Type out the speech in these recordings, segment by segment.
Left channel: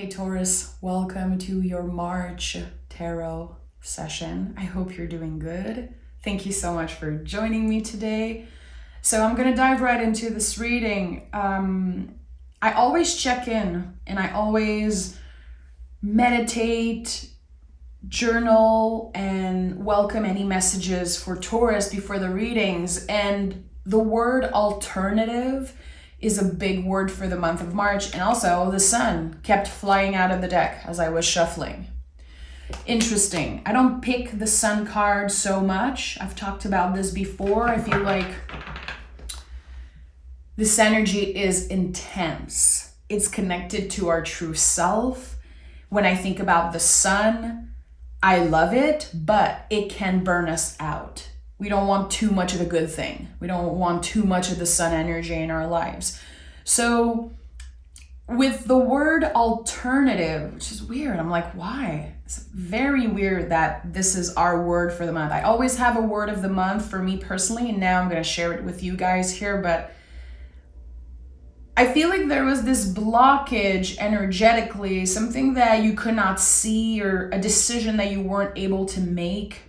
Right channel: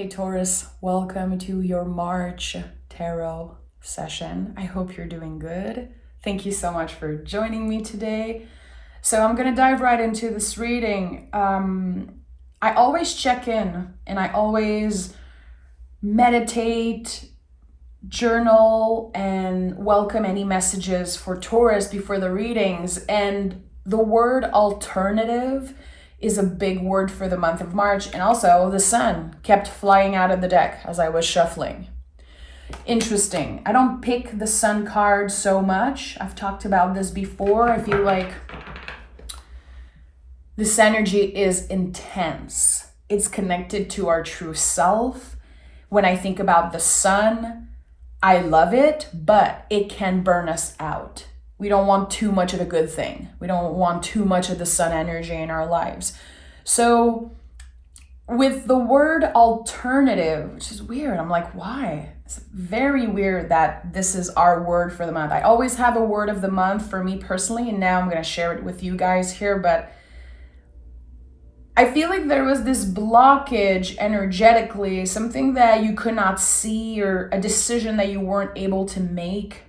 Hey Taurus, welcome to your March tarot session. I hope you're doing good. Thank you so much for joining me today. So I'm gonna dive right into this reading. I always check in and I always meditate, journal, and welcome any messages for Taurus before the readings. And the word alternative is a big word for the month of March. And also the sun kept flying out of the deck as I was shuffling. Interesting. I don't pick the sun card so much. I've talked about this before. I feel like this energy is intense. It's connected to our true self. When I think about the sun, I love it, but it can burn us out. We don't want too much of a good thing. We don't want too much of the sun energy in our lives. So with the word alternative, which is weird, I'm like, why? It's very weird that this is our word for the month. I always have a word of the month for me personally, and now I'm going to share it with you guys here, but I feel like there was this blockage energetically, something that you could not see or a decision that you weren't able to make.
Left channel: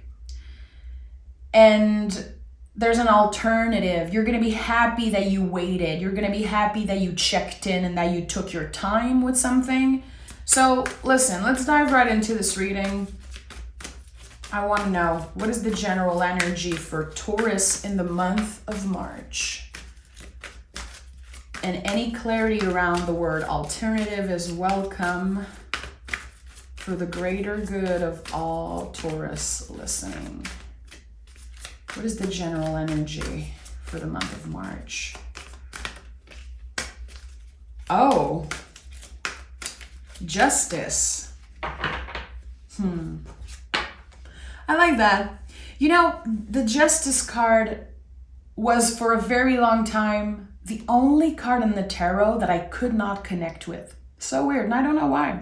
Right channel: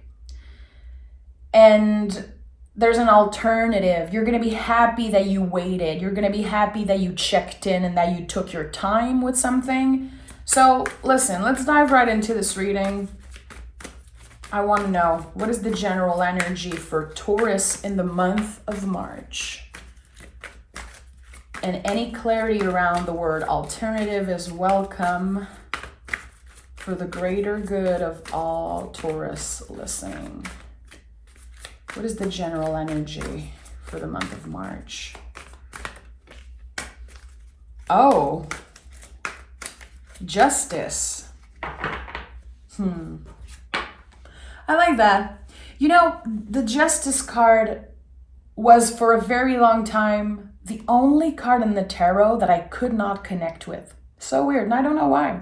And there's an alternative. You're going to be happy that you waited. You're going to be happy that you checked in and that you took your time with something. So listen, let's dive right into this reading. I want to know, what is the general energy for Taurus in the month of March? And any clarity around the word alternative is welcome for the greater good of all Taurus listening. What is the general energy for the month of March? Oh, justice. I like that. You know, the justice card was for a very long time the only card in the tarot that I could not connect with. So weird, and I don't know why.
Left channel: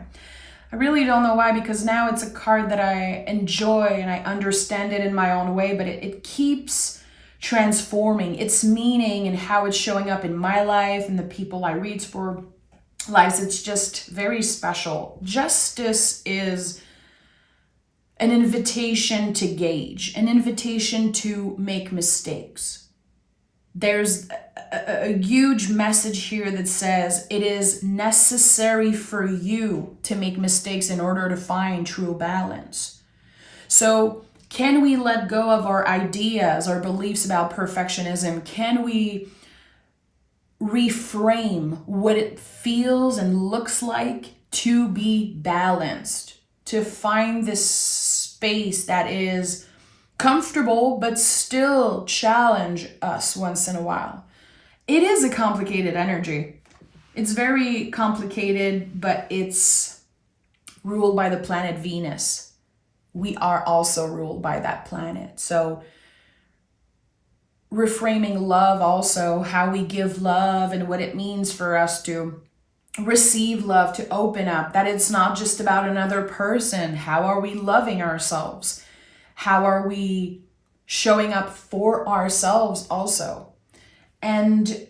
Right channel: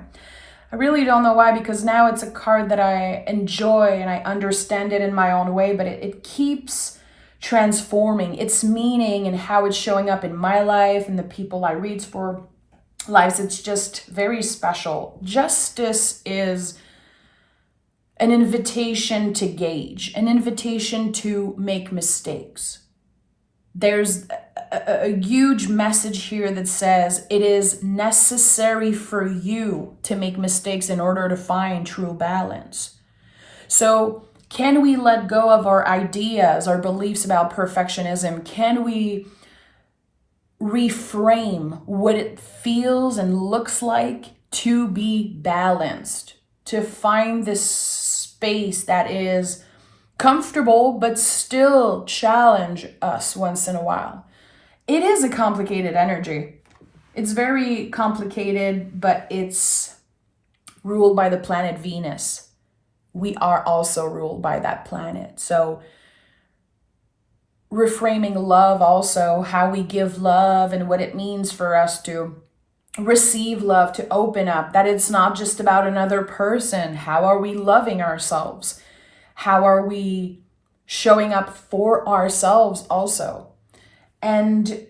I really don't know why, because now it's a card that I enjoy and I understand it in my own way, but it keeps transforming its meaning and how it's showing up in my life and the people I read for lives. It's just very special. Justice is an invitation to gauge, an invitation to make mistakes. There's a huge message here that says it is necessary for you to make mistakes in order to find true balance. So can we let go of our ideas, our beliefs about perfectionism? Can we reframe what it feels and looks like to be balanced, to find this space that is comfortable but still challenge us once in a while? It is a complicated energy. It's very complicated, but it's ruled by the planet Venus. We are also ruled by that planet. So reframing love also, how we give love and what it means for us to receive love, to open up, that it's not just about another person. How are we loving ourselves? How are we showing up for ourselves also? And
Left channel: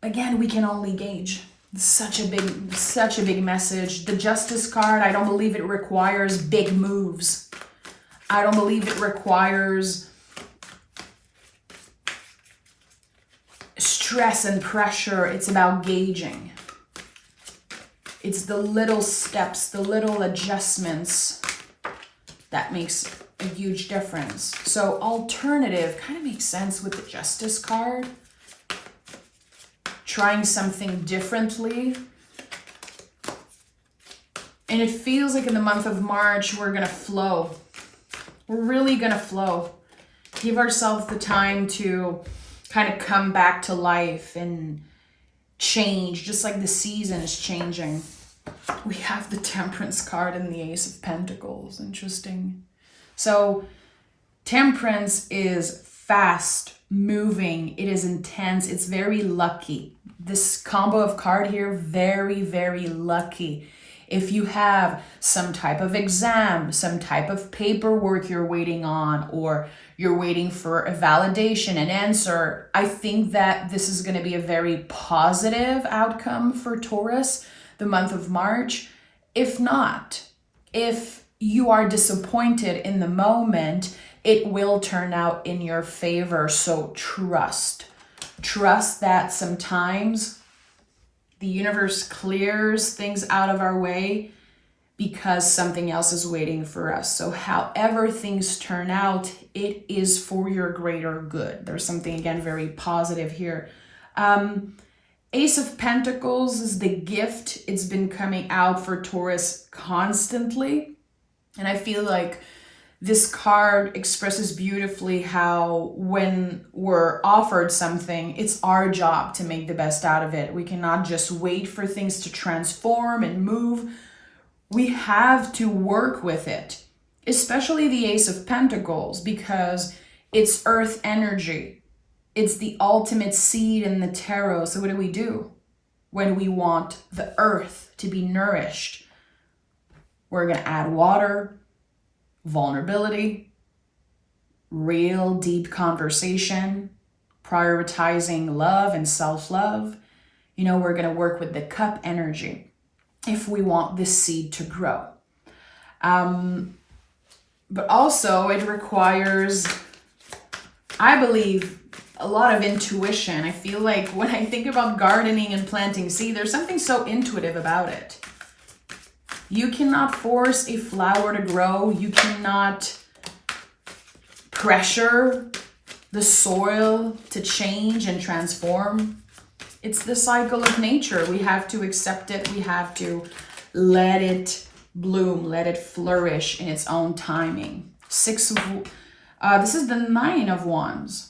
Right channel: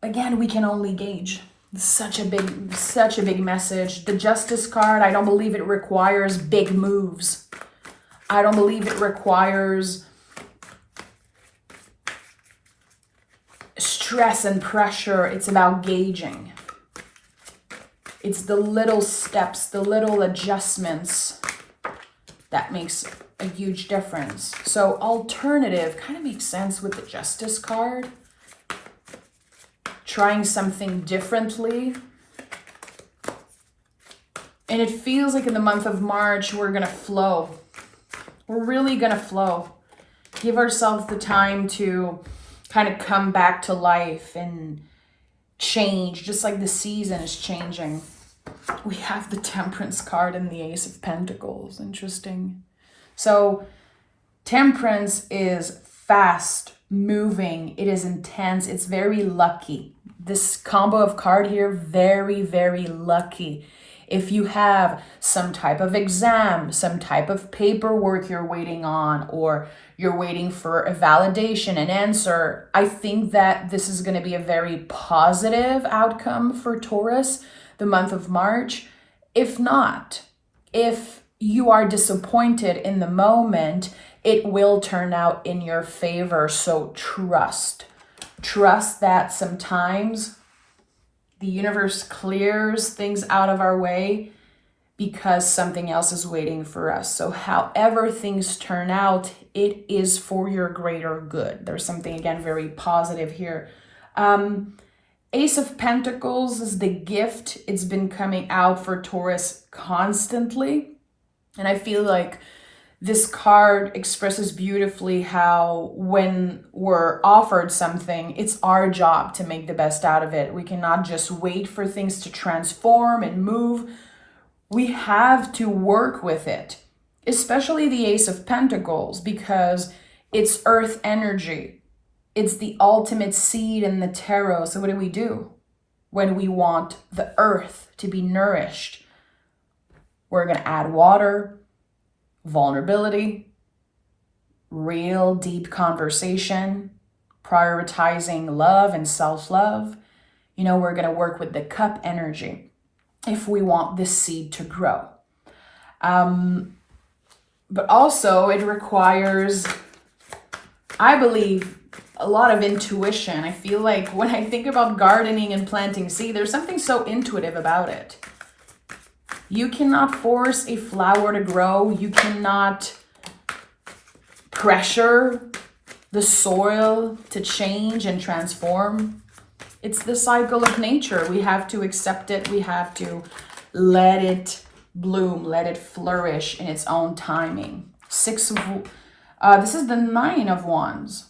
again, we can only gauge. It's such a big message. The Justice card, I don't believe it requires big moves. I don't believe it requires stress and pressure. It's about gauging. It's the little steps, the little adjustments that makes a huge difference. So alternative kind of makes sense with the Justice card. Trying something differently. And it feels like in the month of March, we're going to flow. We're really going to flow. Give ourselves the time to kind of come back to life and change, just like the season is changing. We have the Temperance card and the Ace of Pentacles. Interesting. So Temperance is fast moving. It is intense. It's very lucky. This combo of card here, very, very lucky. If you have some type of exam, some type of paperwork you're waiting on, or you're waiting for a validation, an answer, I think that this is going to be a very positive outcome for Taurus, the month of March. If not, if you are disappointed in the moment, it will turn out in your favor. So trust. Trust that sometimes the universe clears things out of our way because something else is waiting for us. So however things turn out, it is for your greater good. There's something, again, very positive here. Ace of Pentacles is the gift. It's been coming out for Taurus constantly. And I feel like this card expresses beautifully how when we're offered something, it's our job to make the best out of it. We cannot just wait for things to transform and move. We have to work with it, especially the Ace of Pentacles, because it's earth energy. It's the ultimate seed in the tarot. So what do? When we want the earth to be nourished, we're going to add water, vulnerability, real deep conversation, prioritizing love and self-love. We're going to work with the cup energy if we want this seed to grow. But also it requires, I believe, a lot of intuition. I feel like when I think about gardening and planting seed, there's something so intuitive about it. You cannot force a flower to grow. You cannot pressure the soil to change and transform. It's the cycle of nature. We have to accept it. We have to let it bloom, let it flourish in its own timing. This is the Nine of Wands.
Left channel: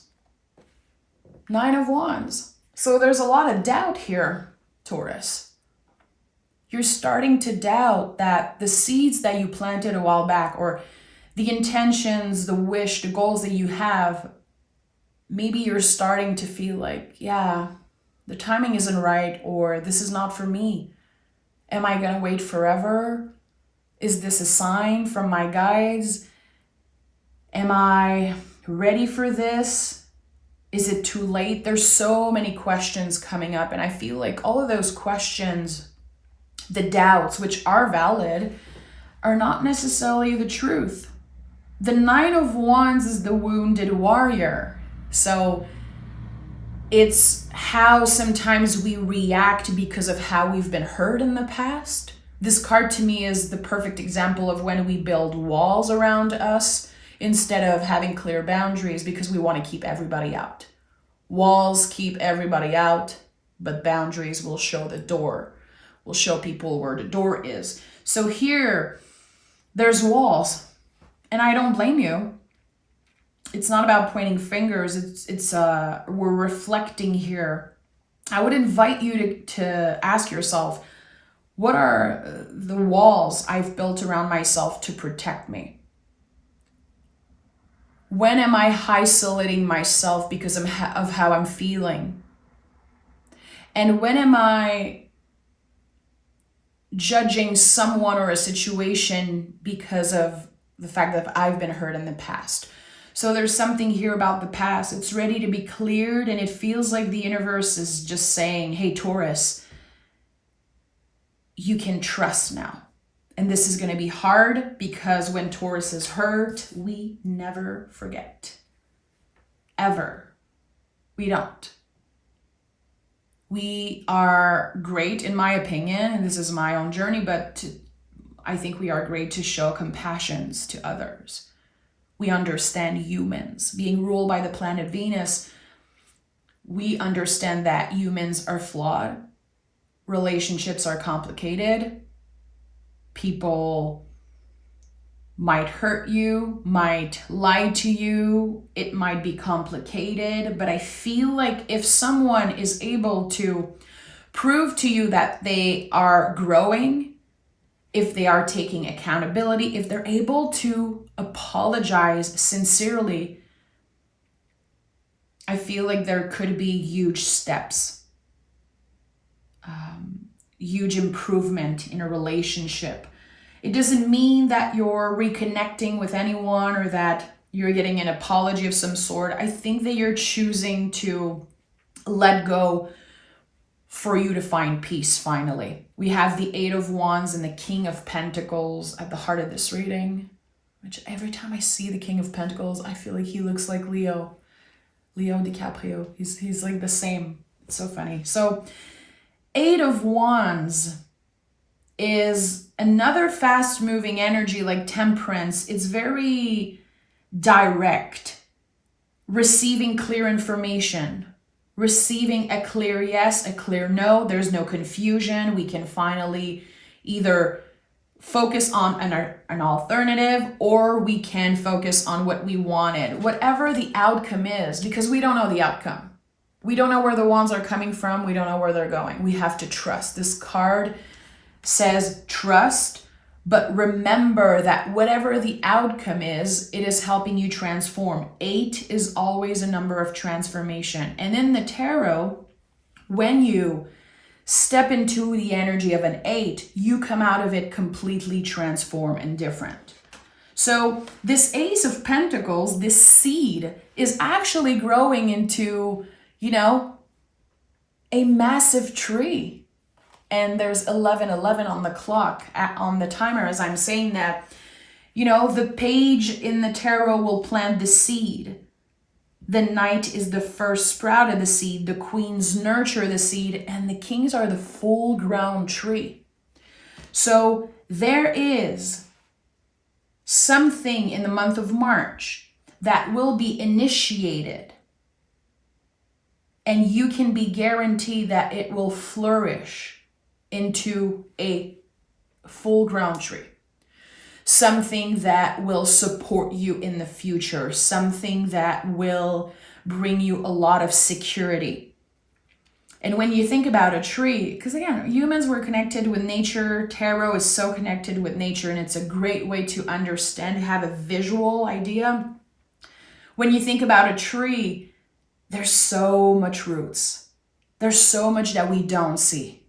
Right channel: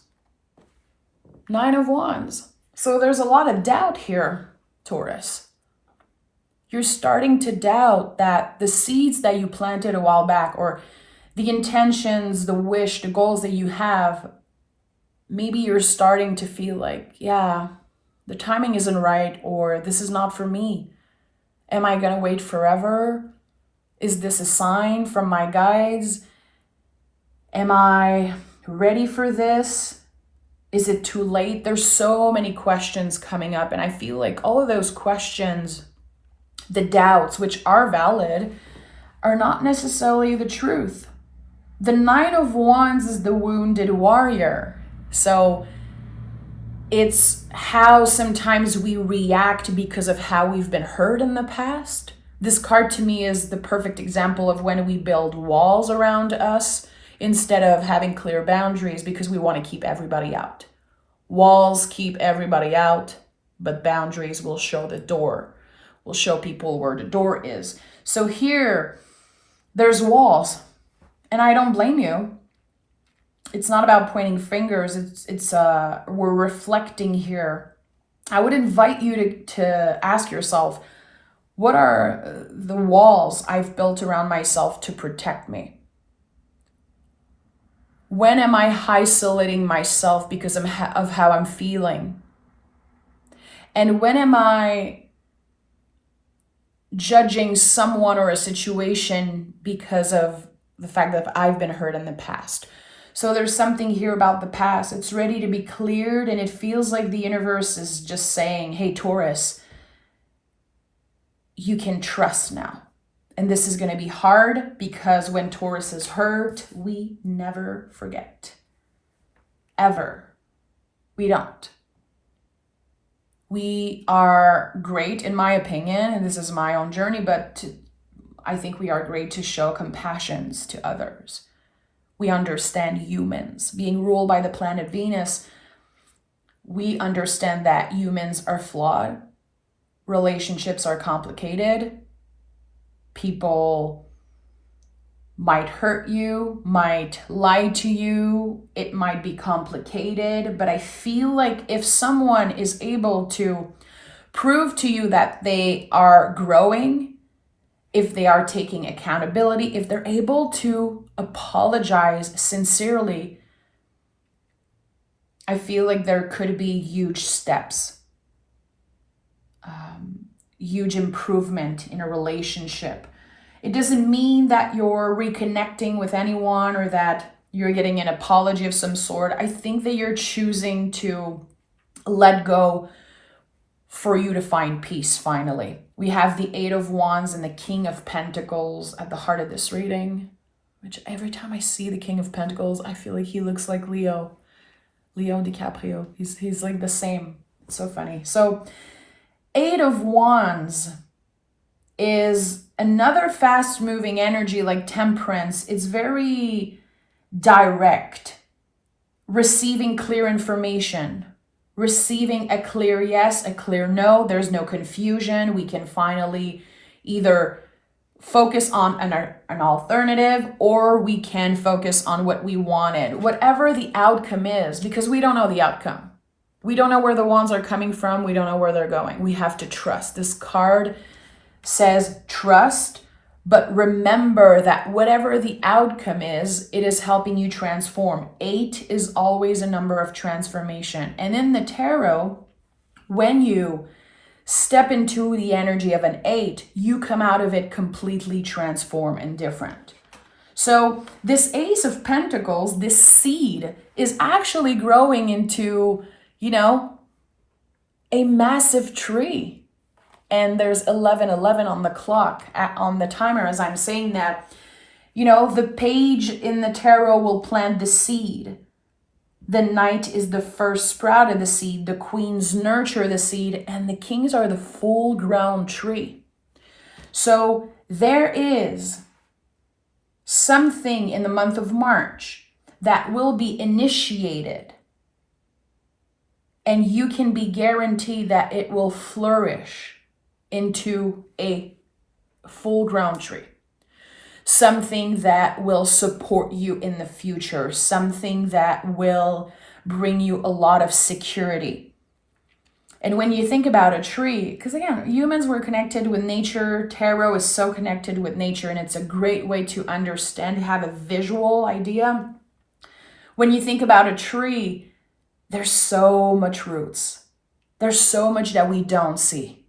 Nine of Wands. So there's a lot of doubt here, Taurus. You're starting to doubt that the seeds that you planted a while back, or the intentions, the wish, the goals that you have, maybe you're starting to feel like, yeah, the timing isn't right, or this is not for me. Am I going to wait forever? Is this a sign from my guides? Am I ready for this? Is it too late? There's so many questions coming up, and I feel like all of those questions, the doubts, which are valid, are not necessarily the truth. The Nine of Wands is the wounded warrior. So it's how sometimes we react because of how we've been hurt in the past. This card to me is the perfect example of when we build walls around us instead of having clear boundaries because we want to keep everybody out. Walls keep everybody out, but boundaries will show the door, will show people where the door is. So here, there's walls, and I don't blame you. It's not about pointing fingers. It's we're reflecting here. I would invite you to ask yourself, what are the walls I've built around myself to protect me? When am I isolating myself because of how I'm feeling? And when am I judging someone or a situation because of the fact that I've been hurt in the past? So there's something here about the past. It's ready to be cleared, and it feels like the universe is just saying, hey, Taurus, you can trust now. And this is going to be hard because when Taurus is hurt, we never forget. Ever. We don't. We are great, in my opinion, and this is my own journey, but I think we are great to show compassion to others. We understand humans. Being ruled by the planet Venus, we understand that humans are flawed. Relationships are complicated. People might hurt you, might lie to you. It might be complicated, but I feel like if someone is able to prove to you that they are growing, if they are taking accountability, if they're able to apologize sincerely, I feel like there could be huge steps, huge improvement in a relationship. It doesn't mean that you're reconnecting with anyone or that you're getting an apology of some sort. I think that you're choosing to let go for you to find peace finally. We have the Eight of Wands and the King of Pentacles at the heart of this reading, which every time I see the King of Pentacles, I feel like he looks like Leo DiCaprio. He's like the same. It's so funny. So Eight of Wands is another fast moving energy like Temperance. It's very direct, receiving clear information, receiving a clear yes, a clear no. There's no confusion. We can finally either focus on an alternative, or we can focus on what we wanted, whatever the outcome is, because we don't know the outcome. We don't know where the wands are coming from. We don't know where they're going. We have to trust. This card says trust, but remember that whatever the outcome is, it is helping you transform. 8 is always a number of transformation. And in the tarot, when you step into the energy of an 8, you come out of it completely transformed and different. So this Ace of Pentacles, this seed, is actually growing into, a massive tree. And there's 11:11 on the clock, on the timer as I'm saying that. The page in the tarot will plant the seed. The knight is the first sprout of the seed. The queens nurture the seed. And the kings are the full-grown tree. So there is something in the month of March that will be initiated. And you can be guaranteed that it will flourish into a full-grown tree. Something that will support you in the future. Something that will bring you a lot of security. And when you think about a tree, because again, humans were connected with nature. Tarot is so connected with nature, and it's a great way to understand, have a visual idea. When you think about a tree, there's so much roots. There's so much that we don't see.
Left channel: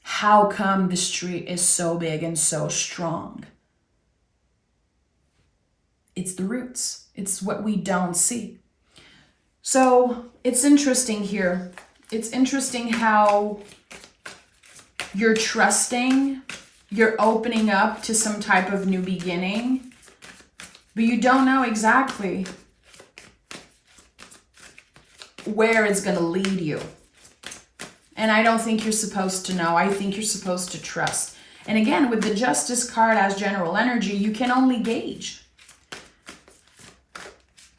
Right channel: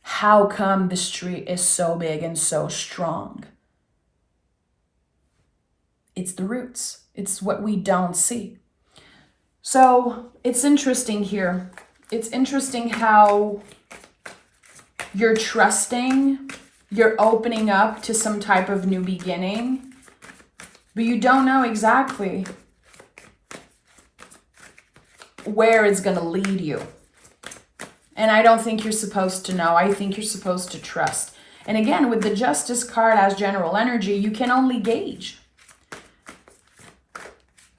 How come this tree is so big and so strong? It's the roots. It's what we don't see. So it's interesting here. It's interesting how you're trusting, you're opening up to some type of new beginning, but you don't know exactly where it's going to lead you. And I don't think you're supposed to know. I think you're supposed to trust. And again, with the Justice card as general energy, you can only gauge.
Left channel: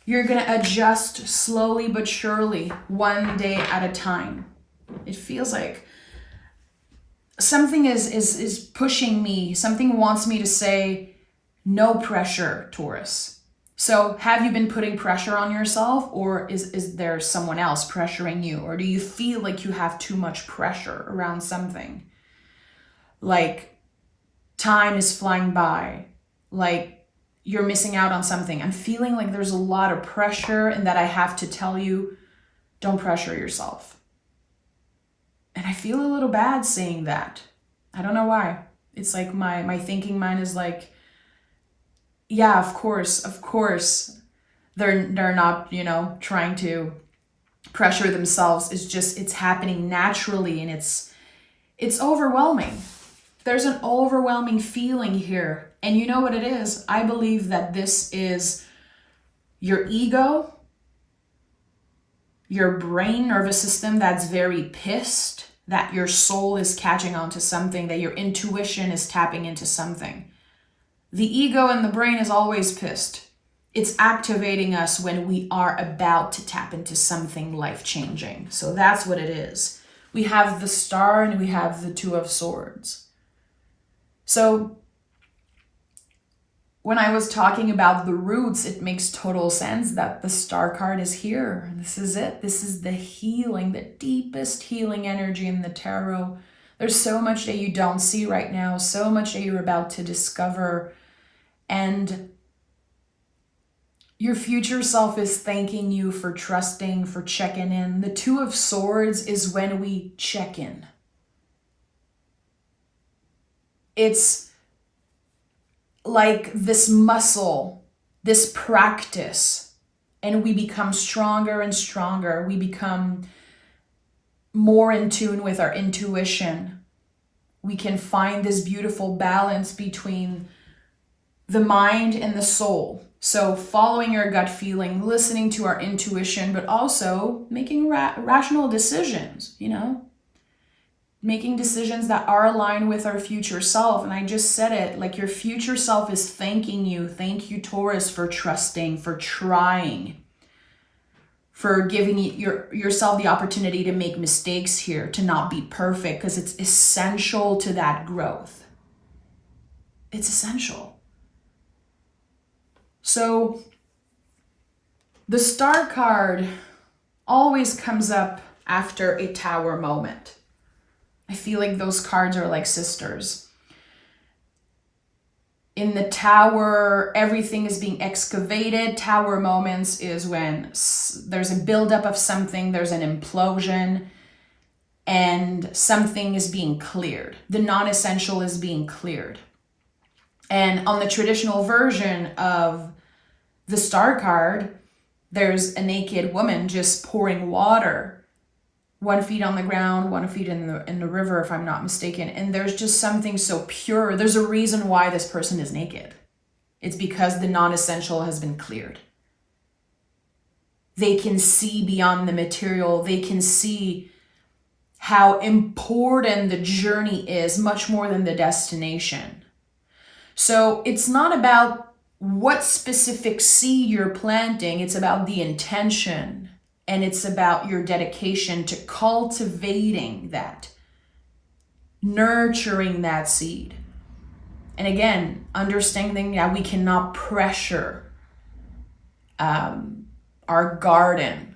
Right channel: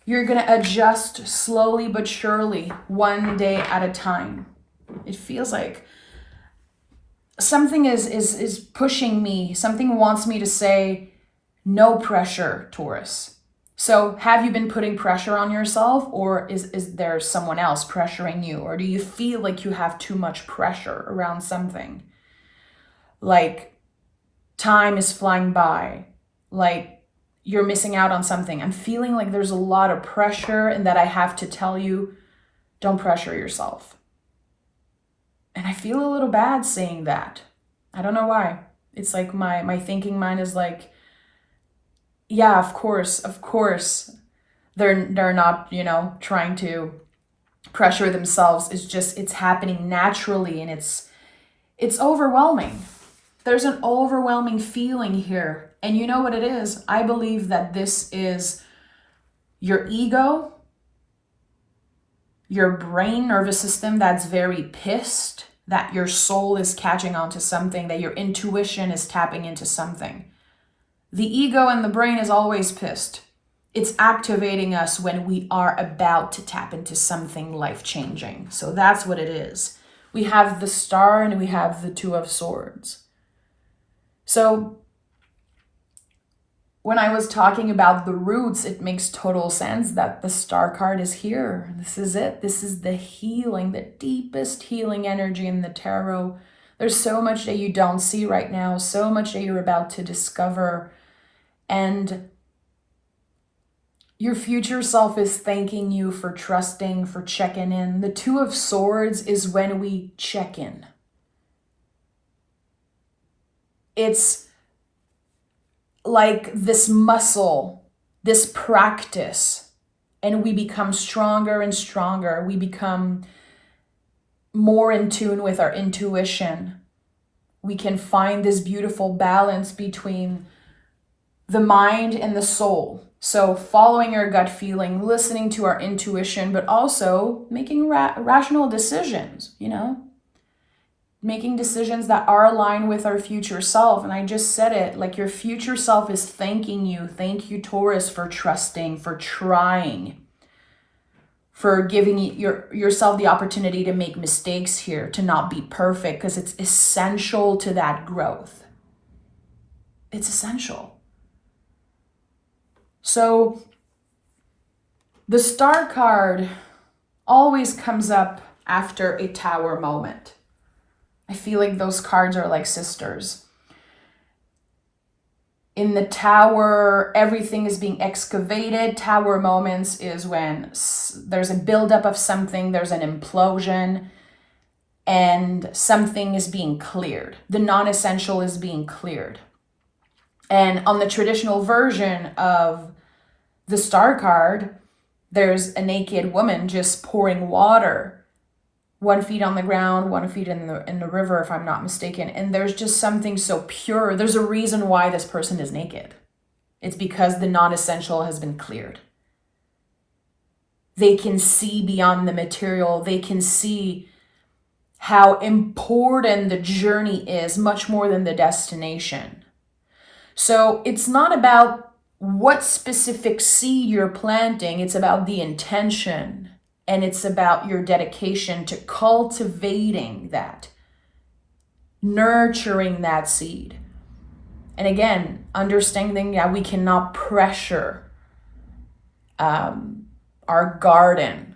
You're going to adjust slowly but surely, one day at a time. It feels like something is pushing me. Something wants me to say, no pressure, Taurus. So have you been putting pressure on yourself, or is there someone else pressuring you? Or do you feel like you have too much pressure around something? Like time is flying by, like you're missing out on something. I'm feeling like there's a lot of pressure, and that I have to tell you, don't pressure yourself. And I feel a little bad saying that. I don't know why. It's like my thinking mind is like, yeah, of course. They're not, trying to pressure themselves. It's just, it's happening naturally, and it's overwhelming. There's an overwhelming feeling here. And you know what it is? I believe that this is your ego, your brain, nervous system that's very pissed that your soul is catching on to something, that your intuition is tapping into something. The ego and the brain is always pissed. It's activating us when we are about to tap into something life-changing. So that's what it is. We have the Star and we have the Two of Swords. So when I was talking about the roots, it makes total sense that the Star card is here. This is it. This is the healing, the deepest healing energy in the tarot. There's so much that you don't see right now, so much that you're about to discover. And your future self is thanking you for trusting, for checking in. The Two of Swords is when we check in. It's like this muscle, this practice, and we become stronger and stronger. We become more in tune with our intuition, we can find this beautiful balance between the mind and the soul. So following your gut feeling, listening to our intuition, but also making rational decisions, making decisions that are aligned with our future self. And I just said it, like your future self is thanking you. Thank you, Taurus, for trusting, for trying, for giving yourself the opportunity to make mistakes here, to not be perfect, because it's essential to that growth. It's essential. So the Star card always comes up after a Tower moment. I feel like those cards are like sisters. In the Tower, everything is being excavated. Tower moments is when there's a buildup of something, there's an implosion, and something is being cleared. The non-essential is being cleared. And on the traditional version of the Star card, there's a naked woman just pouring water, 1 foot on the ground, 1 foot in the river, if I'm not mistaken. And there's just something so pure. There's a reason why this person is naked. It's because the non-essential has been cleared. They can see beyond the material. They can see how important the journey is, much more than the destination. So it's not about what specific seed you're planting. It's about the intention, and it's about your dedication to cultivating that, nurturing that seed. And again, understanding that we cannot pressure our garden.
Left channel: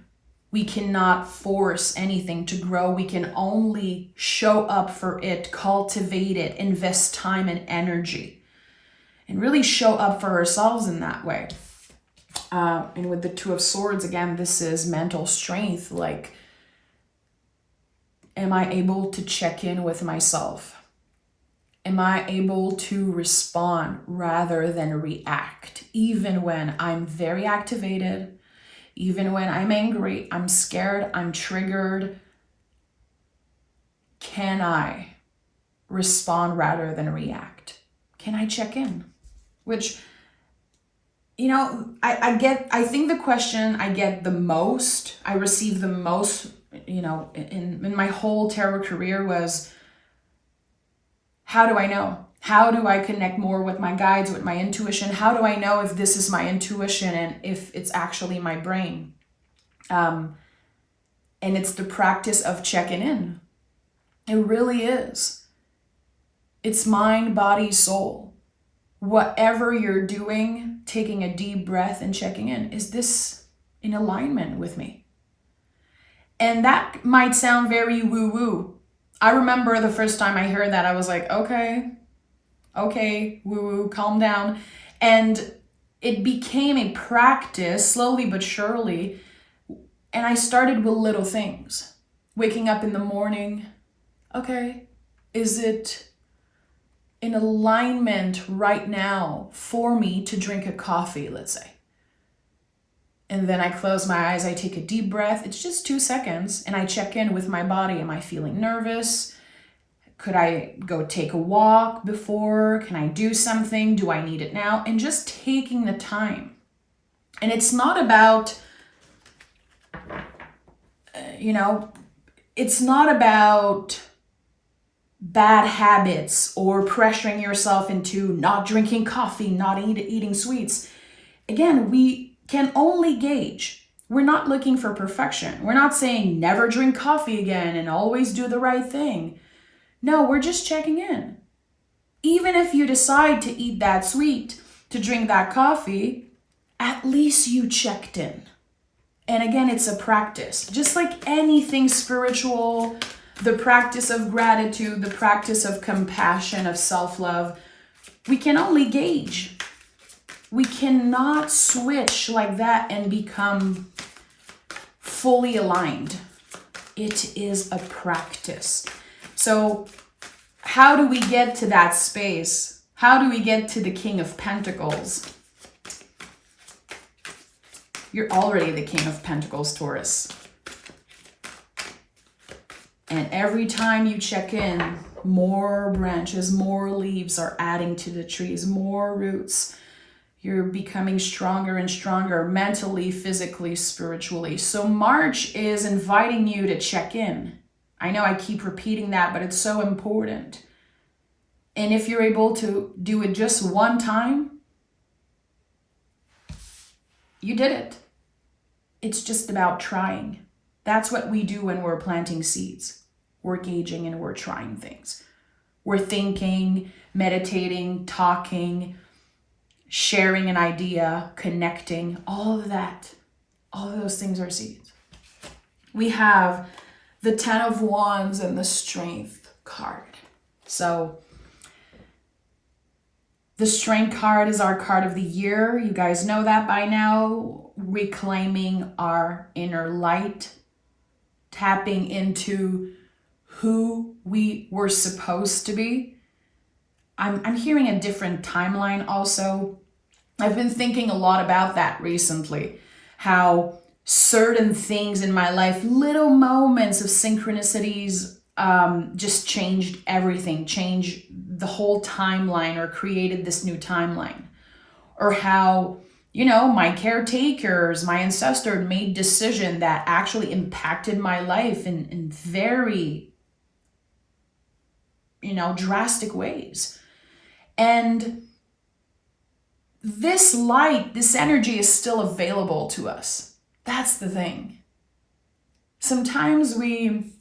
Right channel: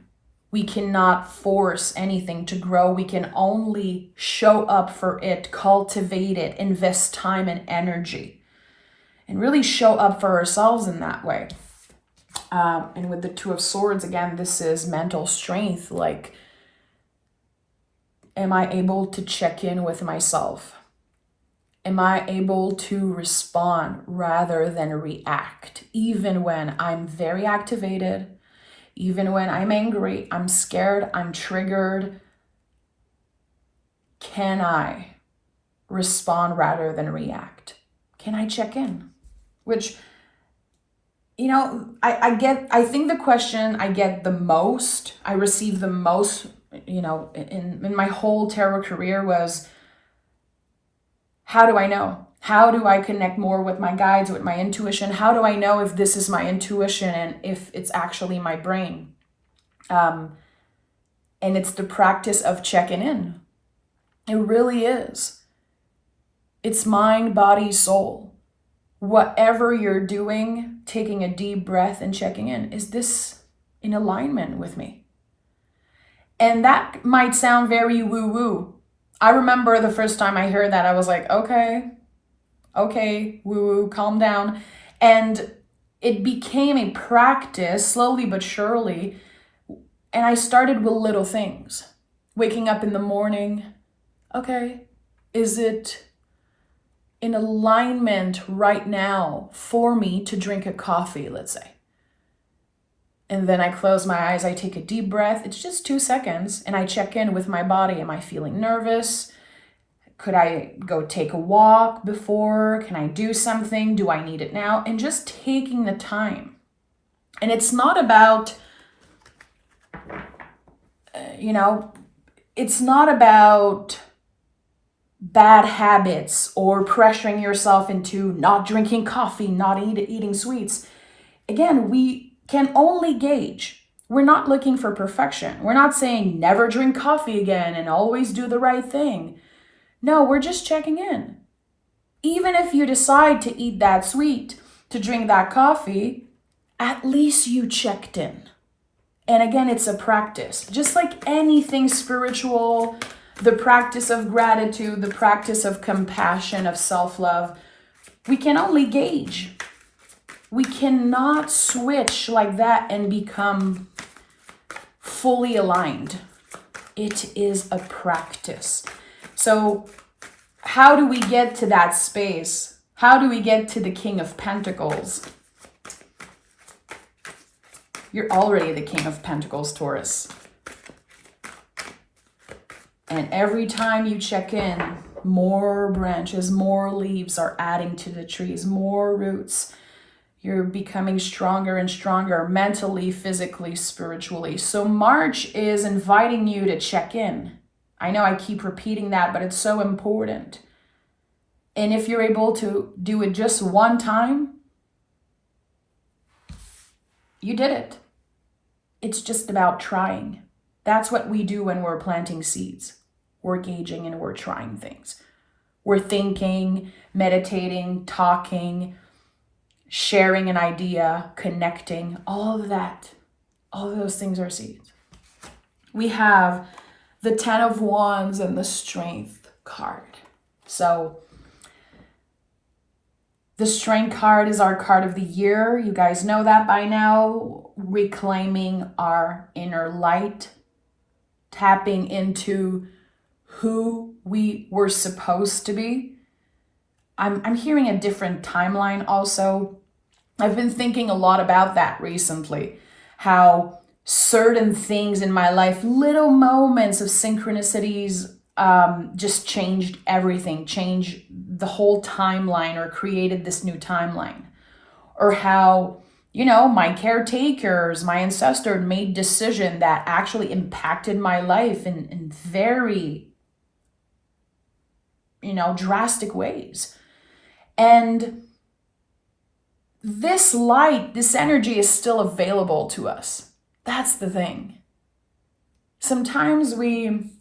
We cannot force anything to grow. We can only show up for it, cultivate it, invest time and energy, and really show up for ourselves in that way. And with the Two of Swords, again, this is mental strength. Like, am I able to check in with myself? Am I able to respond rather than react? Even when I'm very activated, even when I'm angry, I'm scared, I'm triggered, can I respond rather than react? Can I check in? Which, I think the question I get the most, I receive the most, in my whole tarot career was, how do I know? How do I connect more with my guides, with my intuition? How do I know if this is my intuition and if it's actually my brain? And it's the practice of checking in. It really is. It's mind, body, soul. Whatever you're doing, taking a deep breath and checking in. Is this in alignment with me? And that might sound very woo-woo. I remember the first time I heard that, I was like, okay, woo-woo, calm down. And it became a practice, slowly but surely. And I started with little things. Waking up in the morning, okay, is it in alignment right now for me to drink a coffee, let's say? And then I close my eyes, I take a deep breath. It's just 2 seconds, and I check in with my body. Am I feeling nervous? Could I go take a walk before? Can I do something? Do I need it now? And just taking the time. And it's not about, it's not about bad habits or pressuring yourself into not drinking coffee, not eating sweets. Again, we can only gauge. We're not looking for perfection. We're not saying never drink coffee again and always do the right thing. No, we're just checking in. Even if you decide to eat that sweet, to drink that coffee, at least you checked in. And again, it's a practice. Just like anything spiritual, the practice of gratitude, the practice of compassion, of self-love, we can only gauge. We cannot switch like that and become fully aligned. It is a practice. So how do we get to that space? How do we get to the King of Pentacles? You're already the King of Pentacles, Taurus. And every time you check in, more branches, more leaves are adding to the trees, more roots. You're becoming stronger and stronger mentally, physically, spiritually. So March is inviting you to check in. I know I keep repeating that, but it's so important. And if you're able to do it just one time, you did it. It's just about trying. That's what we do when we're planting seeds. We're gauging and we're trying things. We're thinking, meditating, talking, sharing an idea, connecting, all of that. All of those things are seeds. We have the 10 of Wands and the Strength card. So the Strength card is our card of the year. You guys know that by now. Reclaiming our inner light, tapping into who we were supposed to be. I'm hearing a different timeline also. I've been thinking a lot about that recently, how certain things in my life, little moments of synchronicities, just changed everything, changed the whole timeline or created this new timeline. Or how, my caretakers, my ancestor made decision that actually impacted my life in very, drastic ways. And this light, this energy is still available to us. That's the thing. Sometimes we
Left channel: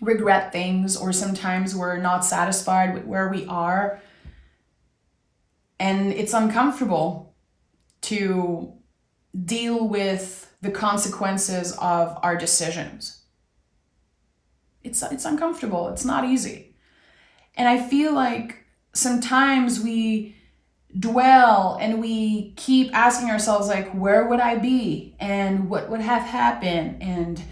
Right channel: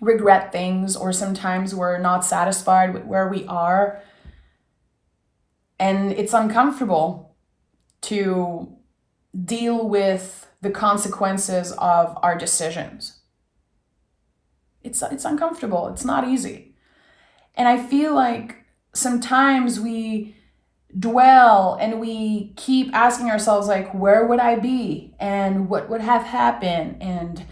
regret things, or sometimes we're not satisfied with where we are. And it's uncomfortable to deal with the consequences of our decisions. It's uncomfortable. It's not easy. And I feel like sometimes we dwell and we keep asking ourselves, like, where would I be? And what would have happened? And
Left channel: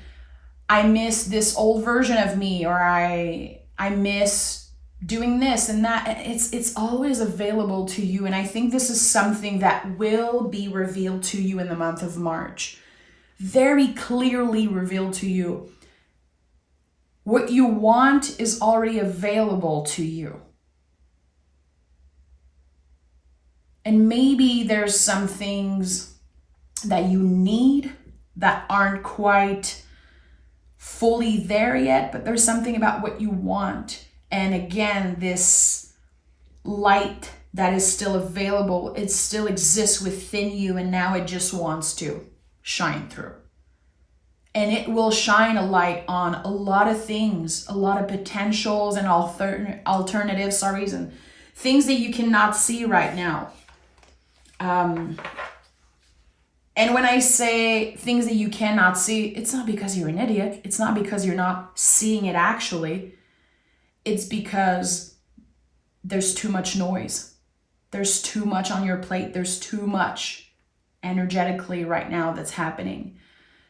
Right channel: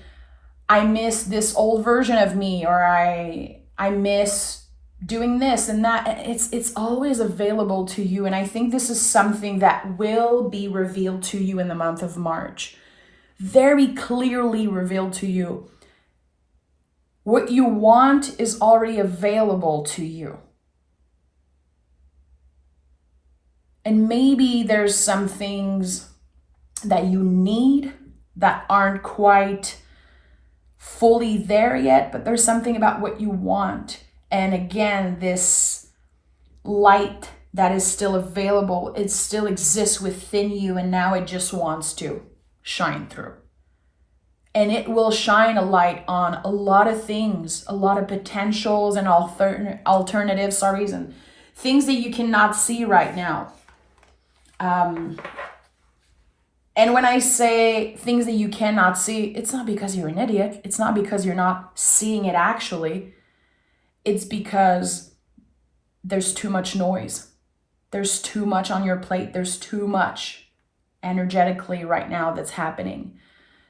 I miss this old version of me, or I miss doing this and that. It's always available to you. And I think this is something that will be revealed to you in the month of March. Very clearly revealed to you. What you want is already available to you. And maybe there's some things that you need that aren't quite fully there yet, but there's something about what you want. And again, this light that is still available, it still exists within you, and now it just wants to shine through. And it will shine a light on a lot of things, a lot of potentials and alternatives, and things that you cannot see right now. And when I say things that you cannot see, it's not because you're an idiot. It's not because you're not seeing it actually. It's because there's too much noise. There's too much on your plate. There's too much energetically right now that's happening.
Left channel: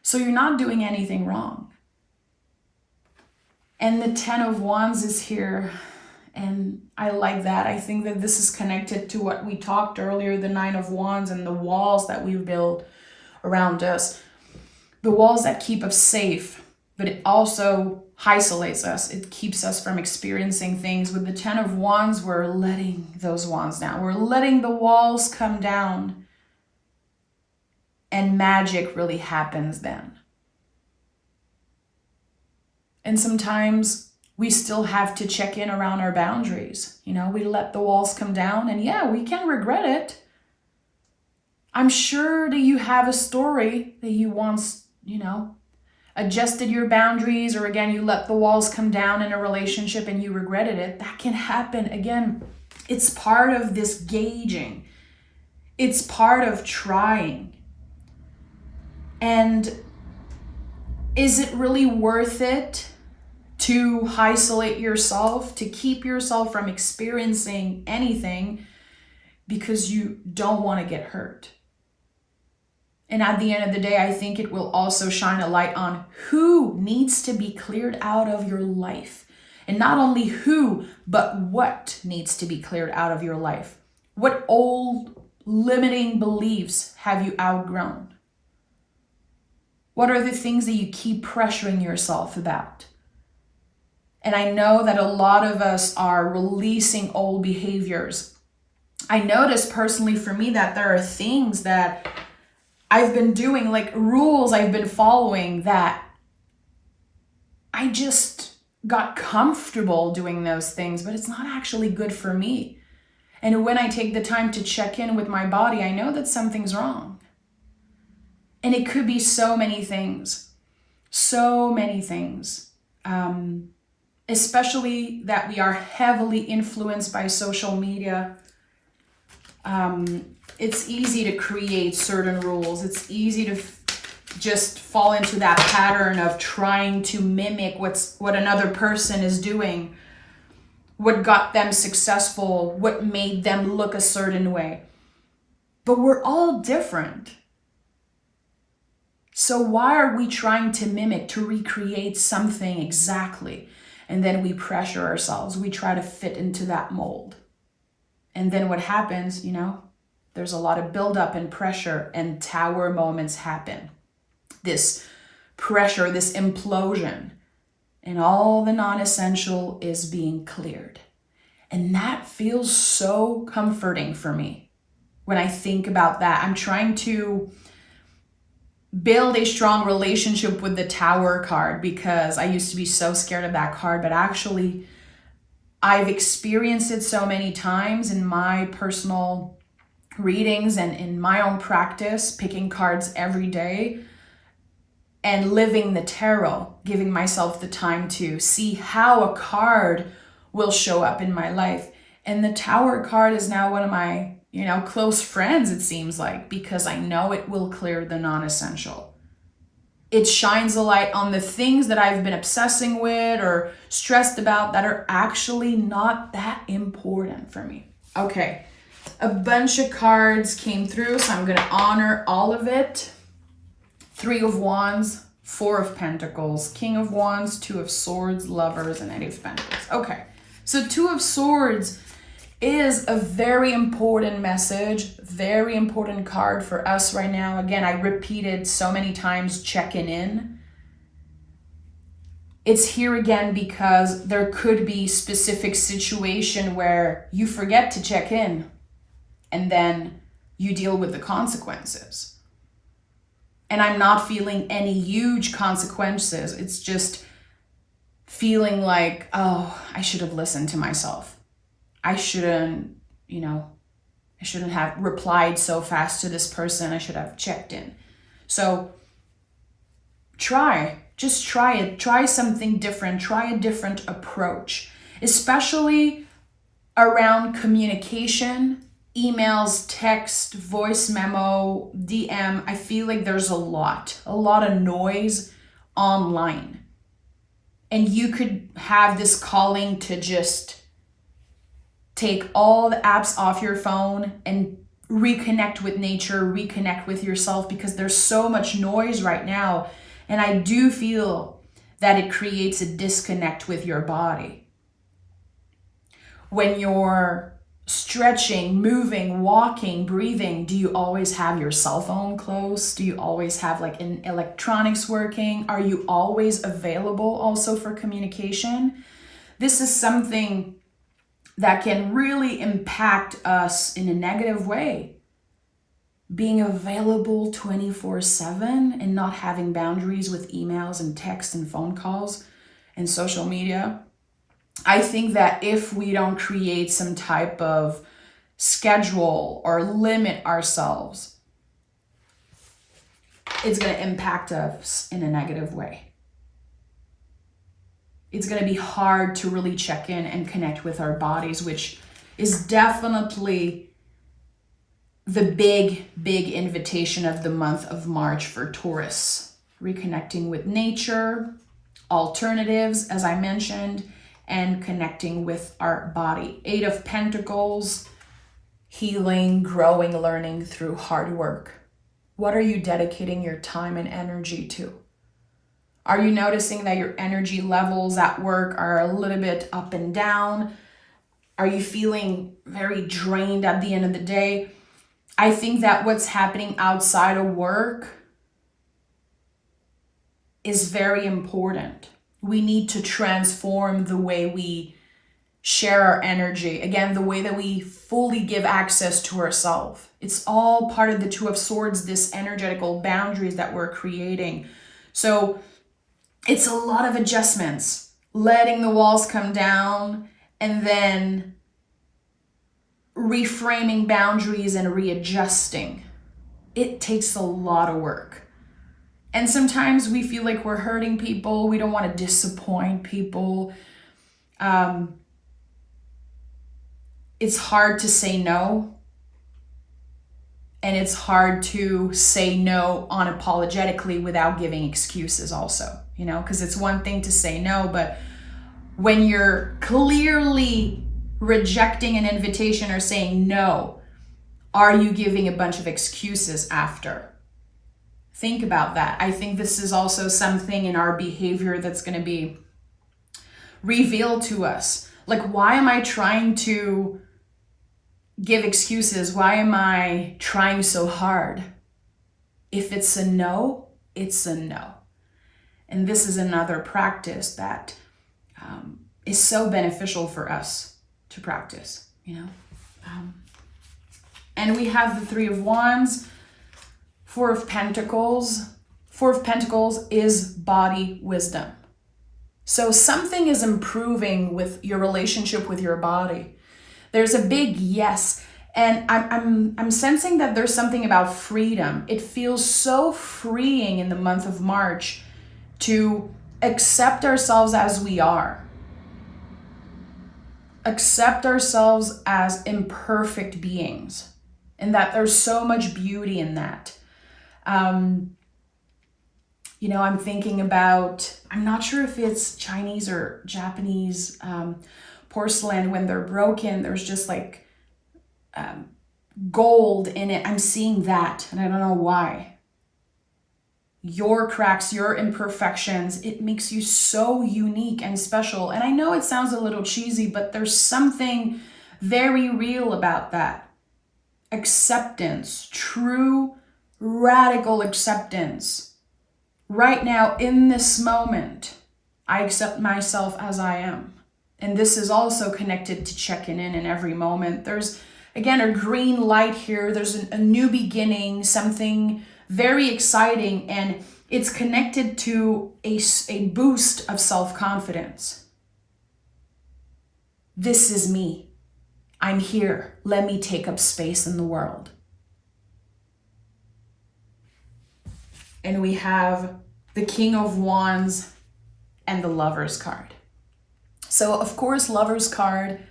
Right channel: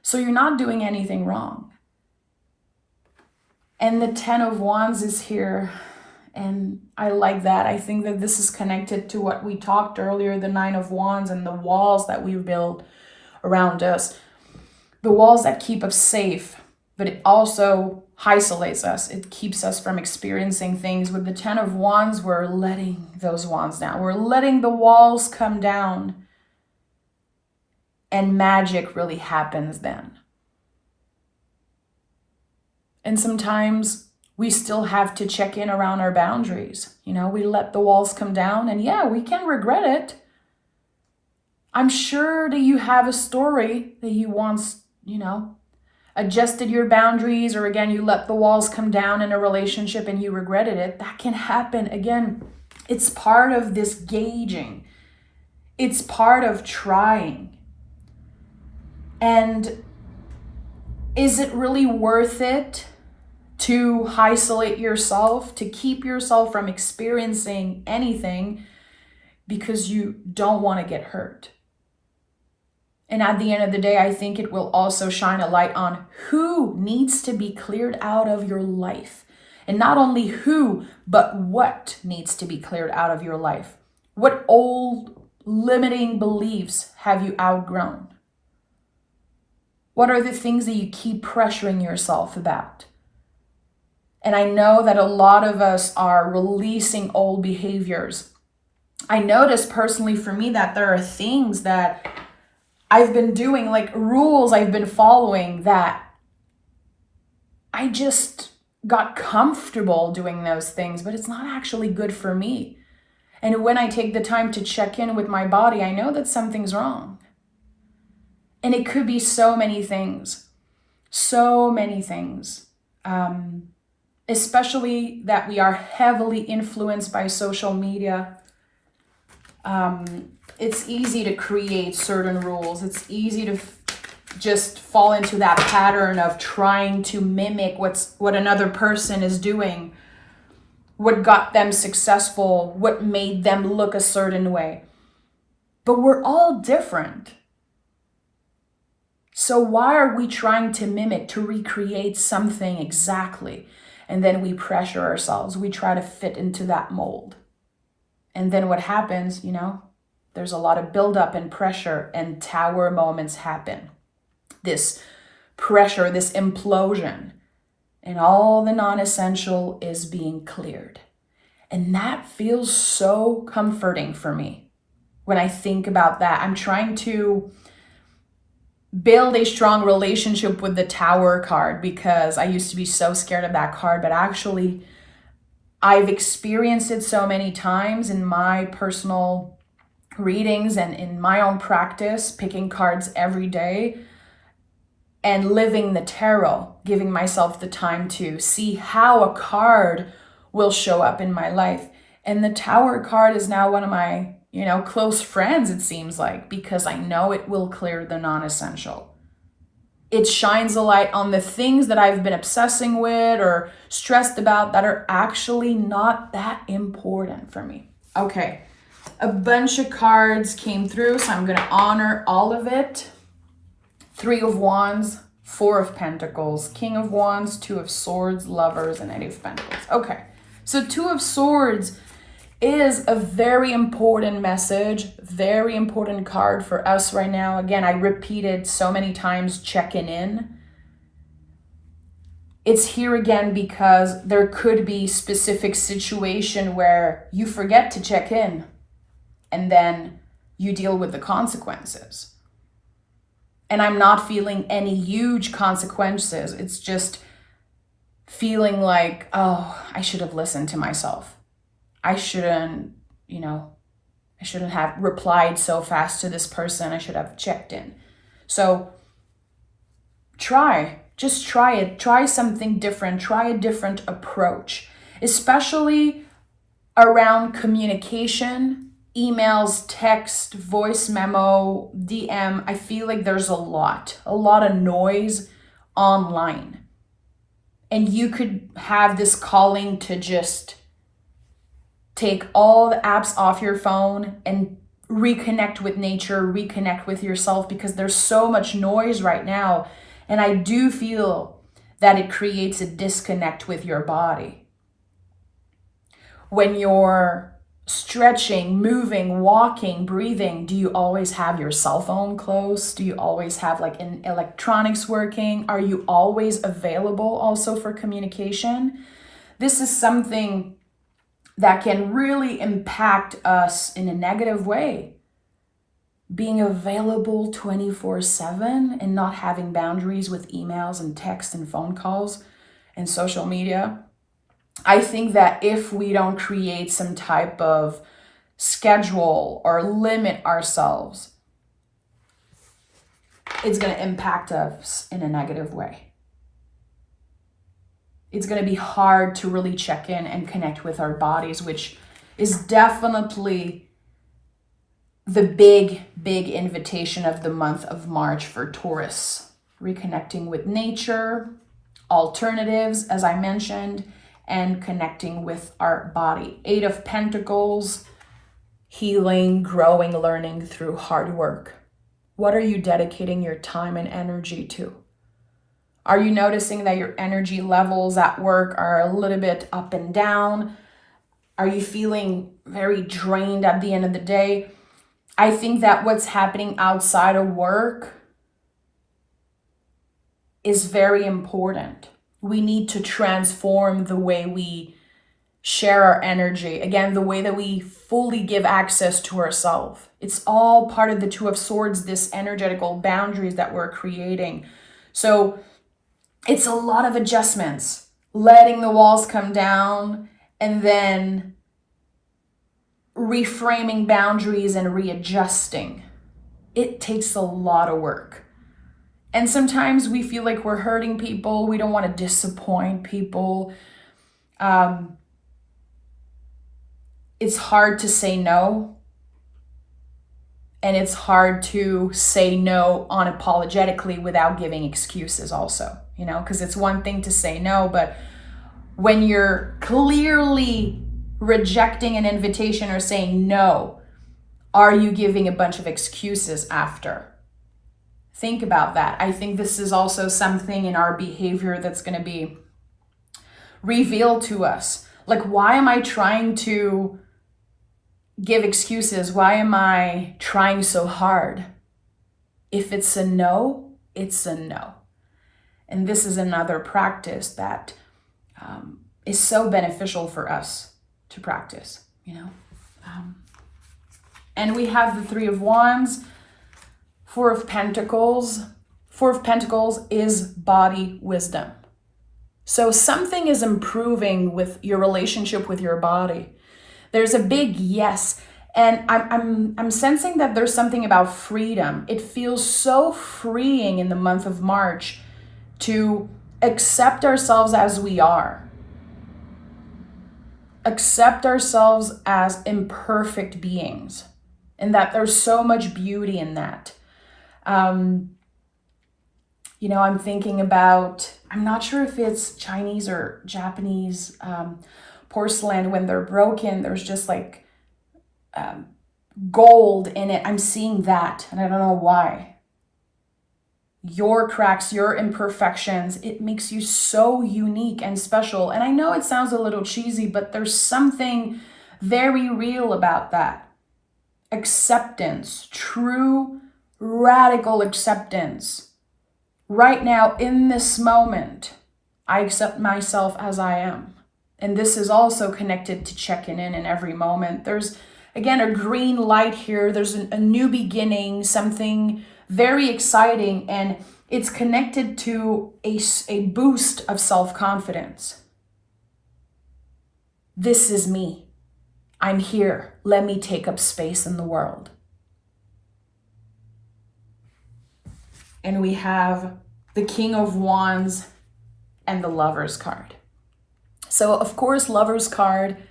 So you're not doing anything wrong. And the 10 of Wands is here. And I like that. I think that this is connected to what we talked earlier, the 9 of Wands and the walls that we build around us. The walls that keep us safe, but it also isolates us. It keeps us from experiencing things. With the 10 of Wands, we're letting those wands down. We're letting the walls come down. And magic really happens then. And sometimes we still have to check in around our boundaries. We let the walls come down, and yeah, we can regret it. I'm sure that you have a story that you once, adjusted your boundaries, or again, you let the walls come down in a relationship and you regretted it. That can happen. Again, it's part of this gauging. It's part of trying. And is it really worth it to isolate yourself, to keep yourself from experiencing anything because you don't want to get hurt? And at the end of the day, I think it will also shine a light on who needs to be cleared out of your life. And not only who, but what needs to be cleared out of your life. What old limiting beliefs have you outgrown? What are the things that you keep pressuring yourself about? And I know that a lot of us are releasing old behaviors. I noticed personally for me that there are things that I've been doing, like rules I've been following, that I just got comfortable doing those things, but it's not actually good for me. And when I take the time to check in with my body, I know that something's wrong. And it could be so many things, especially that we are heavily influenced by social media. It's easy to create certain rules. It's easy to just fall into that pattern of trying to mimic what another person is doing, what got them successful, what made them look a certain way. But we're all different. So why are we trying to mimic, to recreate something exactly? And then we pressure ourselves. We try to fit into that mold. And then what happens, there's a lot of buildup and pressure, and tower moments happen. This pressure, this implosion, and all the non-essential is being cleared. And that feels so comforting for me when I think about that. I'm trying to build a strong relationship with the Tower card because I used to be so scared of that card, but actually I've experienced it so many times in my personal readings and in my own practice, picking cards every day and living the tarot, giving myself the time to see how a card will show up in my life. And the Tower card is now one of my, close friends, it seems like, because I know it will clear the non-essential. It shines a light on the things that I've been obsessing with or stressed about that are actually not that important for me. Okay, a bunch of cards came through, so I'm going to honor all of it. 3 of Wands, 4 of Pentacles, King of Wands, 2 of Swords, Lovers, and 8 of Pentacles. Okay, so 2 of Swords is a very important message, very important card for us right now. Again, I repeated so many times, checking in. It's here again because there could be specific situation where you forget to check in and then you deal with the consequences. And I'm not feeling any huge consequences. It's just feeling like, oh, I should have listened to myself. I shouldn't have replied so fast to this person. I should have checked in. So just try it. Try something different. Try a different approach, especially around communication, emails, text, voice memo, DM. I feel like there's a lot of noise online. And you could have this calling to just take all the apps off your phone and reconnect with nature, reconnect with yourself, because there's so much noise right now. And I do feel that it creates a disconnect with your body. When you're stretching, moving, walking, breathing, do you always have your cell phone close? Do you always have an electronics working? Are you always available also for communication? This is something that can really impact us in a negative way. Being available 24/7 and not having boundaries with emails and text and phone calls and social media. I think that if we don't create some type of schedule or limit ourselves, it's going to impact us in a negative way. It's going to be hard to really check in and connect with our bodies, which is definitely the big invitation of the month of March for Taurus. Reconnecting with nature, alternatives, as I mentioned, and connecting with our body. 8 of Pentacles, healing, growing, learning through hard work. What are you dedicating your time and energy to? Are you noticing that your energy levels at work are a little bit up and down? Are you feeling very drained at the end of the day? I think that what's happening outside of work is very important. We need to transform the way we share our energy. Again, the way that we fully give access to ourselves. It's all part of the Two of Swords, this energetical boundaries that we're creating. So it's a lot of adjustments, letting the walls come down and then reframing boundaries and readjusting. It takes a lot of work. And sometimes we feel like we're hurting people. We don't want to disappoint people. It's hard to say no. And it's hard to say no unapologetically without giving excuses also, because it's one thing to say no, but when you're clearly rejecting an invitation or saying no, are you giving a bunch of excuses after? Think about that. I think this is also something in our behavior that's going to be revealed to us. Like, why am I trying to give excuses? Why am I trying so hard? If it's a no, it's a no. And this is another practice that is so beneficial for us to practice, and we have the Three of Wands, Four of Pentacles. Four of Pentacles is body wisdom. So something is improving with your relationship with your body. There's a big yes. And I'm sensing that there's something about freedom. It feels so freeing in the month of March to accept ourselves as we are. Accept ourselves as imperfect beings. And that there's so much beauty in that. I'm thinking about, I'm not sure if it's Chinese or Japanese porcelain. When they're broken, there's just like gold in it. I'm seeing that, and I don't know why. Your cracks, your imperfections, it makes you so unique and special. And I know it sounds a little cheesy, but there's something very real about that. Acceptance, true, radical acceptance. Right now, in this moment, I accept myself as I am. And this is also connected to checking in every moment. There's, again, a green light here. There's a new beginning, something very exciting, and it's connected to a boost of self-confidence. This is me. I'm here. Let me take up space in the world. And we have the King of Wands and the Lover's card. So, of course, Lover's card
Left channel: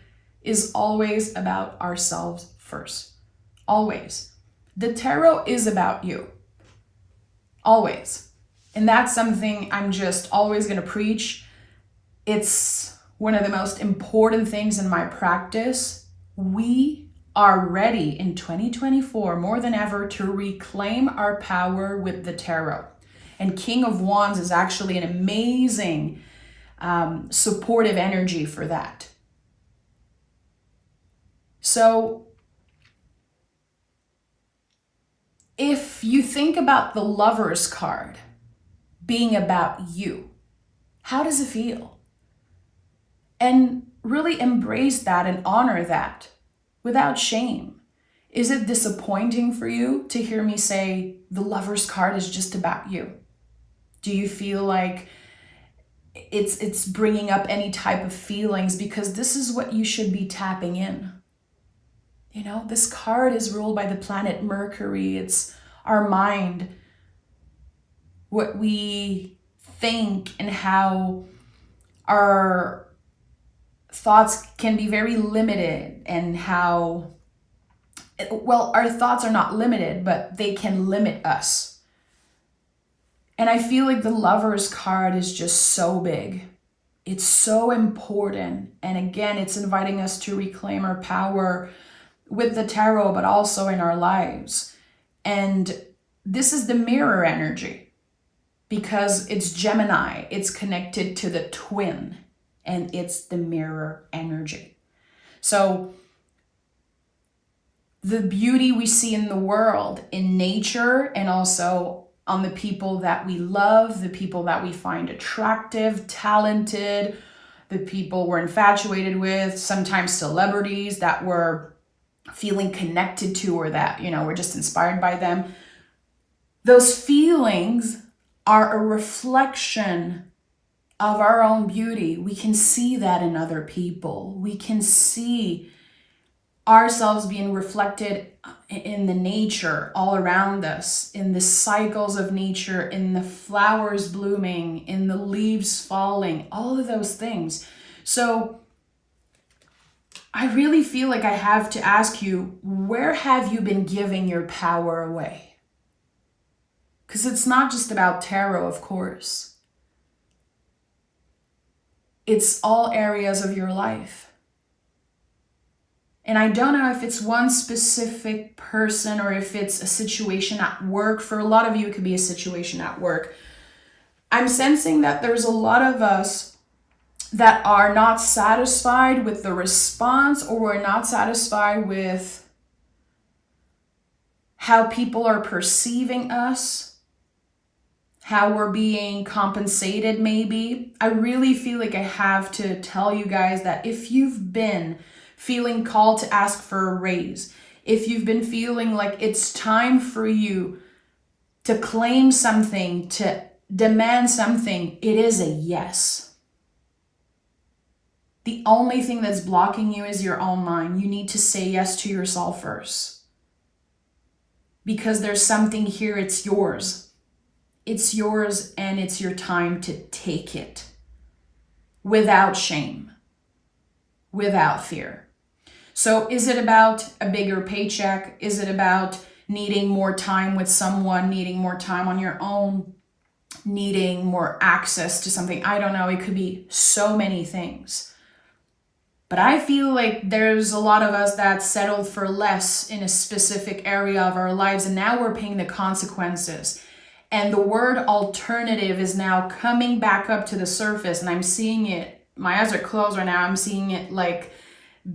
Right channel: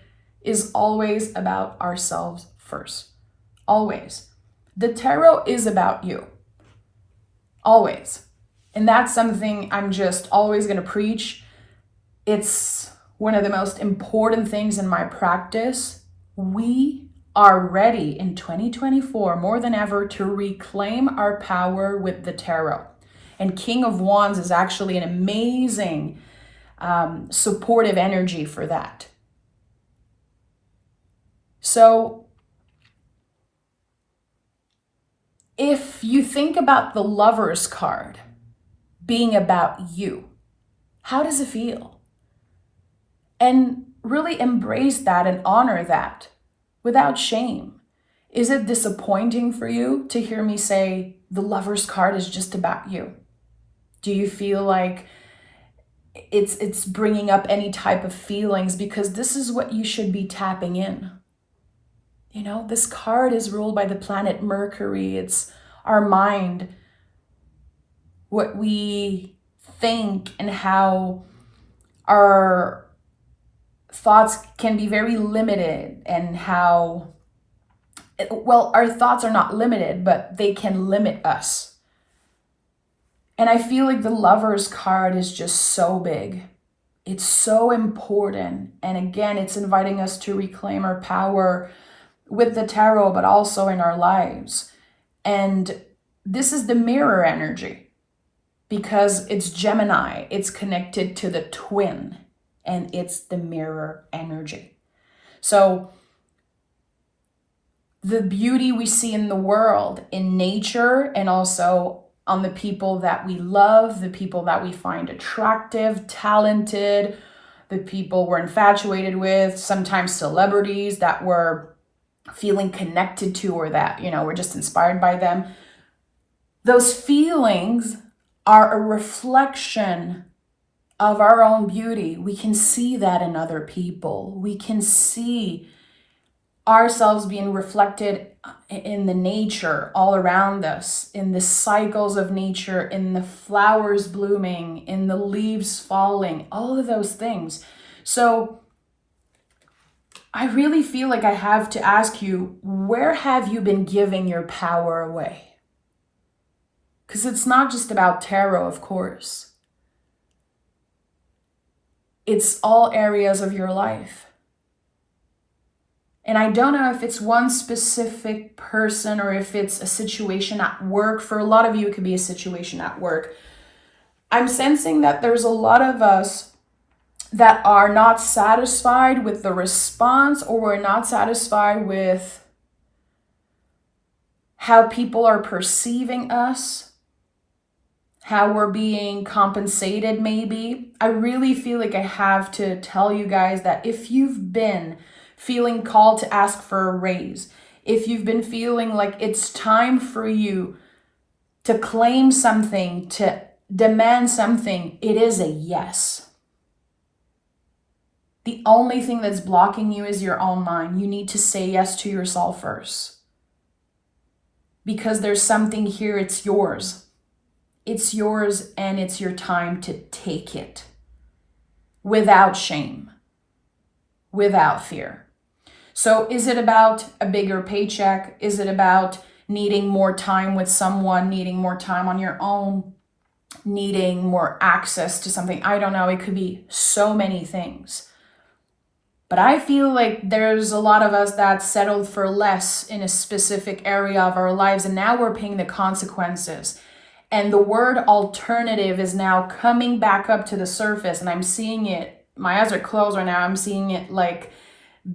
is always about ourselves first. Always. The tarot is about you. Always. And that's something I'm just always going to preach. It's one of the most important things in my practice. We are ready in 2024 more than ever to reclaim our power with the tarot. And King of Wands is actually an amazing supportive energy for that. So if you think about the Lover's card being about you, how does it feel? And really embrace that and honor that without shame. Is it disappointing for you to hear me say the Lover's card is just about you? Do you feel like it's bringing up any type of feelings? Because this is what you should be tapping in. This card is ruled by the planet Mercury. It's our mind, what we think, and how our thoughts can be very limited, and how, our thoughts are not limited, but they can limit us. And I feel like the Lover's card is just so big. It's so important. And again, it's inviting us to reclaim our power with the tarot, but also in our lives. And this is the mirror energy because it's Gemini. It's connected to the twin, and it's the mirror energy. So the beauty we see in the world, in nature, and also on the people that we love, the people that we find attractive, talented, the people we're infatuated with, sometimes celebrities that we're feeling connected to, or that, we're just inspired by them. Those feelings are a reflection of our own beauty. We can see that in other people. We can see ourselves being reflected in the nature all around us, in the cycles of nature, in the flowers blooming, in the leaves falling, all of those things. So I really feel like I have to ask you, where have you been giving your power away? Because it's not just about tarot, of course. It's all areas of your life. And I don't know if it's one specific person or if it's a situation at work. For a lot of you, it could be a situation at work. I'm sensing that there's a lot of us that are not satisfied with the response, or we're not satisfied with how people are perceiving us, how we're being compensated maybe. I really feel like I have to tell you guys that if you've been feeling called to ask for a raise, if you've been feeling like it's time for you to claim something, to demand something, it is a yes. The only thing that's blocking you is your own mind. You need to say yes to yourself first. Because there's something here, it's yours. It's yours, and it's your time to take it without shame, without fear. So is it about a bigger paycheck? Is it about needing more time with someone, needing more time on your own, needing more access to something? I don't know. It could be so many things. But I feel like there's a lot of us that settled for less in a specific area of our lives, and now we're paying the consequences. And the word alternative is now coming back up to the surface, and I'm seeing it. My eyes are closed right now. I'm seeing it like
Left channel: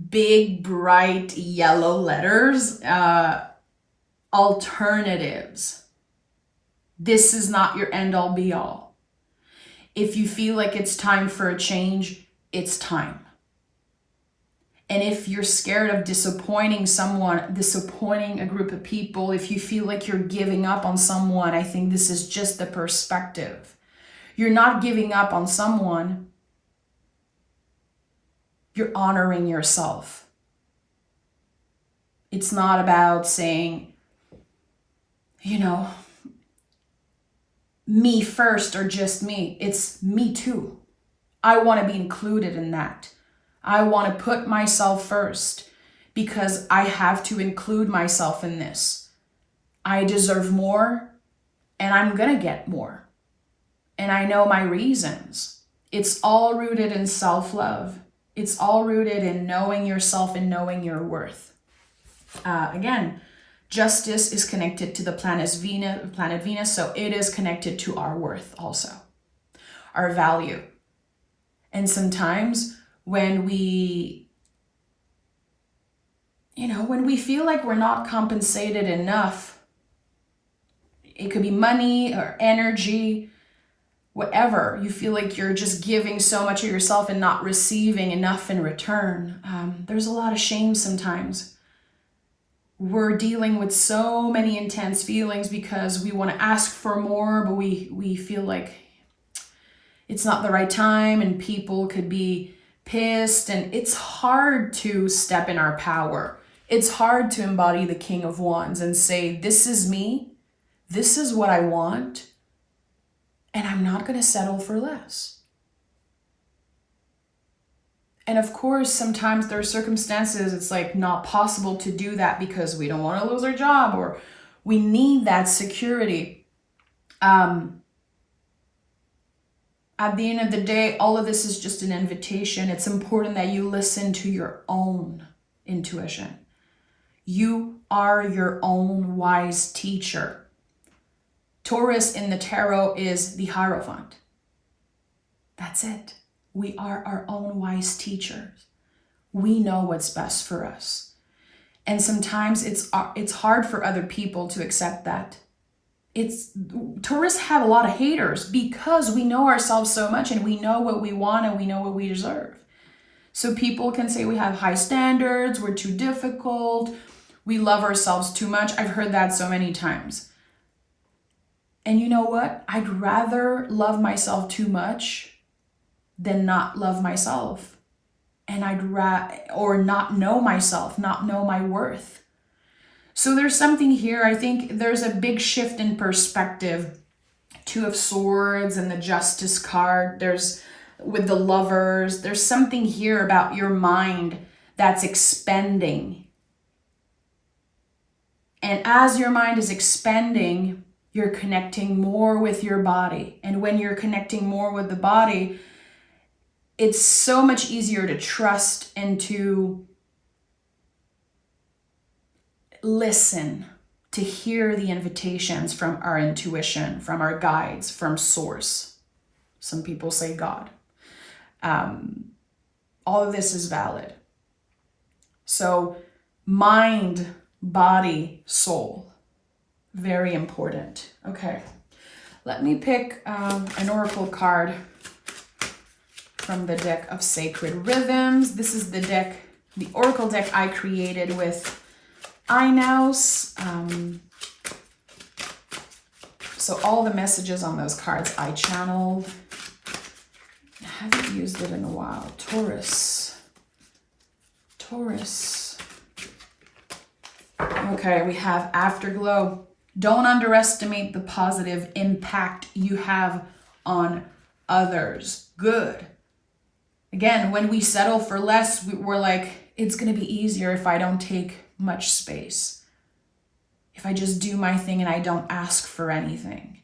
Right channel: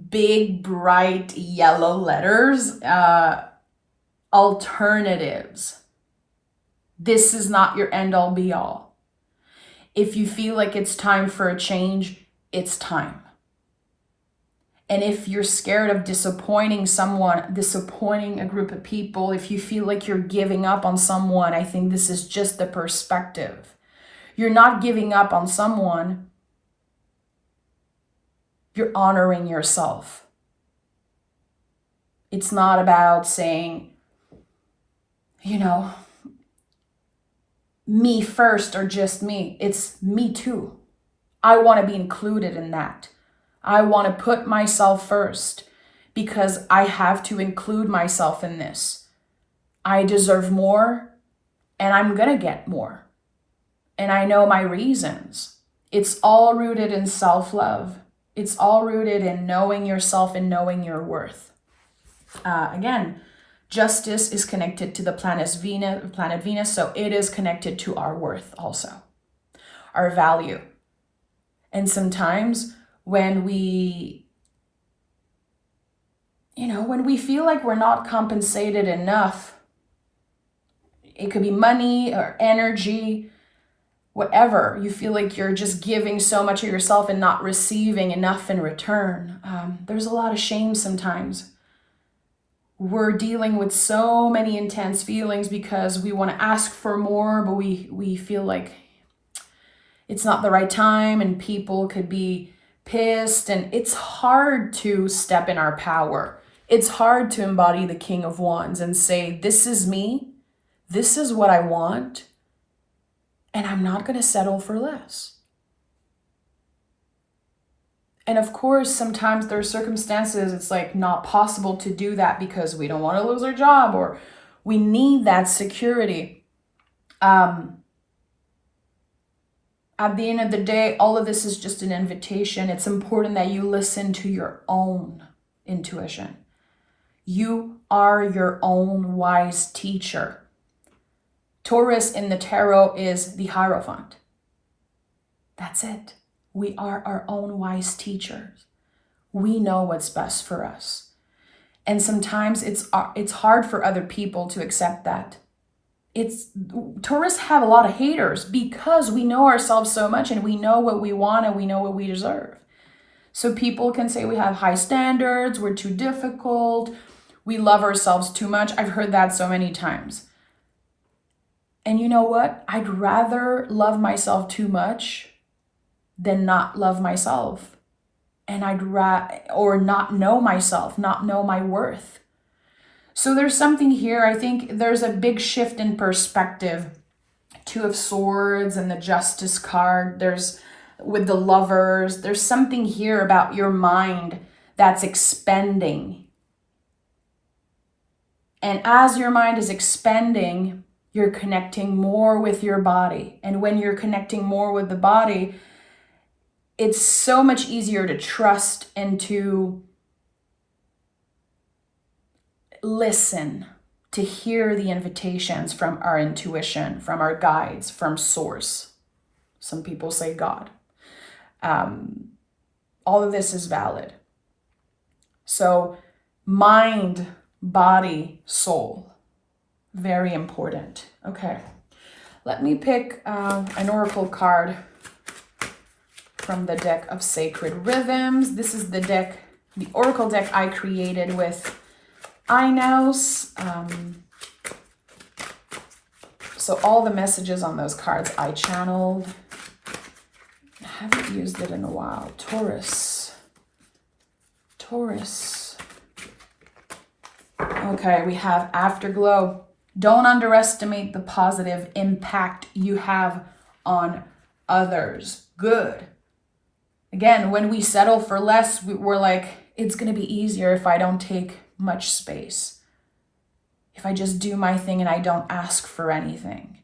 big, bright yellow letters. Alternatives. This is not your end all be all. If you feel like it's time for a change, it's time. And if you're scared of disappointing someone, disappointing a group of people, if you feel like you're giving up on someone, I think this is just the perspective. You're not giving up on someone. You're honoring yourself. It's not about saying, me first or just me. It's me too. I want to be included in that. I want to put myself first because I have to include myself in this. I deserve more, and I'm going to get more. And I know my reasons. It's all rooted in self-love. It's all rooted in knowing yourself and knowing your worth. Again, justice is connected to the planet Venus, so it is connected to our worth also, our value. And sometimes when we feel like we're not compensated enough, it could be money or energy, whatever, you feel like you're just giving so much of yourself and not receiving enough in return. There's a lot of shame sometimes. We're dealing with so many intense feelings because we want to ask for more, but we feel like it's not the right time, and people could be pissed, and it's hard to step in our power. It's hard to embody the King of Wands and say, this is me, this is what I want, and I'm not going to settle for less. And of course, sometimes there are circumstances it's like not possible to do that because we don't want to lose our job, or we need that security. At the end of the day, all of this is just an invitation. It's important that you listen to your own intuition. You are your own wise teacher. Taurus in the tarot is the Hierophant. That's it. We are our own wise teachers. We know what's best for us. And sometimes it's hard for other people to accept that. Taurus have a lot of haters because we know ourselves so much and we know what we want and we know what we deserve. So people can say we have high standards, we're too difficult, we love ourselves too much. I've heard that so many times. And you know what? I'd rather love myself too much than not love myself. And or not know myself, not know my worth. So there's something here. I think there's a big shift in perspective. Two of Swords and the Justice card. There's with the Lovers. There's something here about your mind that's expanding. And as your mind is expanding, you're connecting more with your body. And when you're connecting more with the body, it's so much easier to trust and to listen, to hear the invitations from our intuition, from our guides, from source. Some people say God. All of this is valid. So mind, body, soul, very important. Okay, let me pick an oracle card from the deck of Sacred Rhythms. This is the oracle deck I created with Inos. So all the messages on those cards I channeled. I haven't used it in a while. Taurus. Okay, we have Afterglow. Don't underestimate the positive impact you have on others. Good. Again, when we settle for less, we're like, it's going to be easier if I don't take much space. If I just do my thing and I don't ask for anything.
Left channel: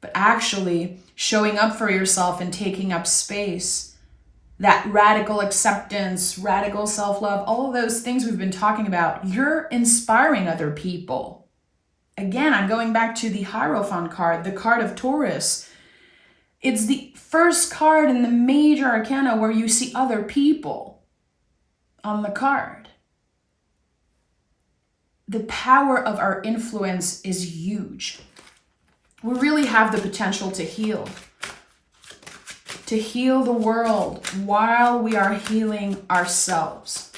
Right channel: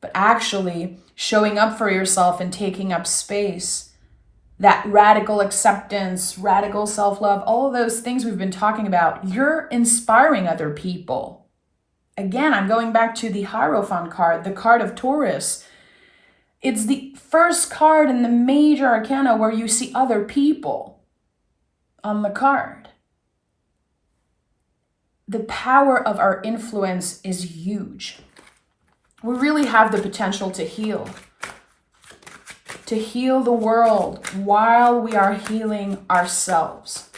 But actually, showing up for yourself and taking up space, that radical acceptance, radical self-love, all of those things we've been talking about, you're inspiring other people. Again, I'm going back to the Hierophant card, the card of Taurus. It's the first card in the major arcana where you see other people on the card. The power of our influence is huge. We really have the potential to heal the world while we are healing ourselves.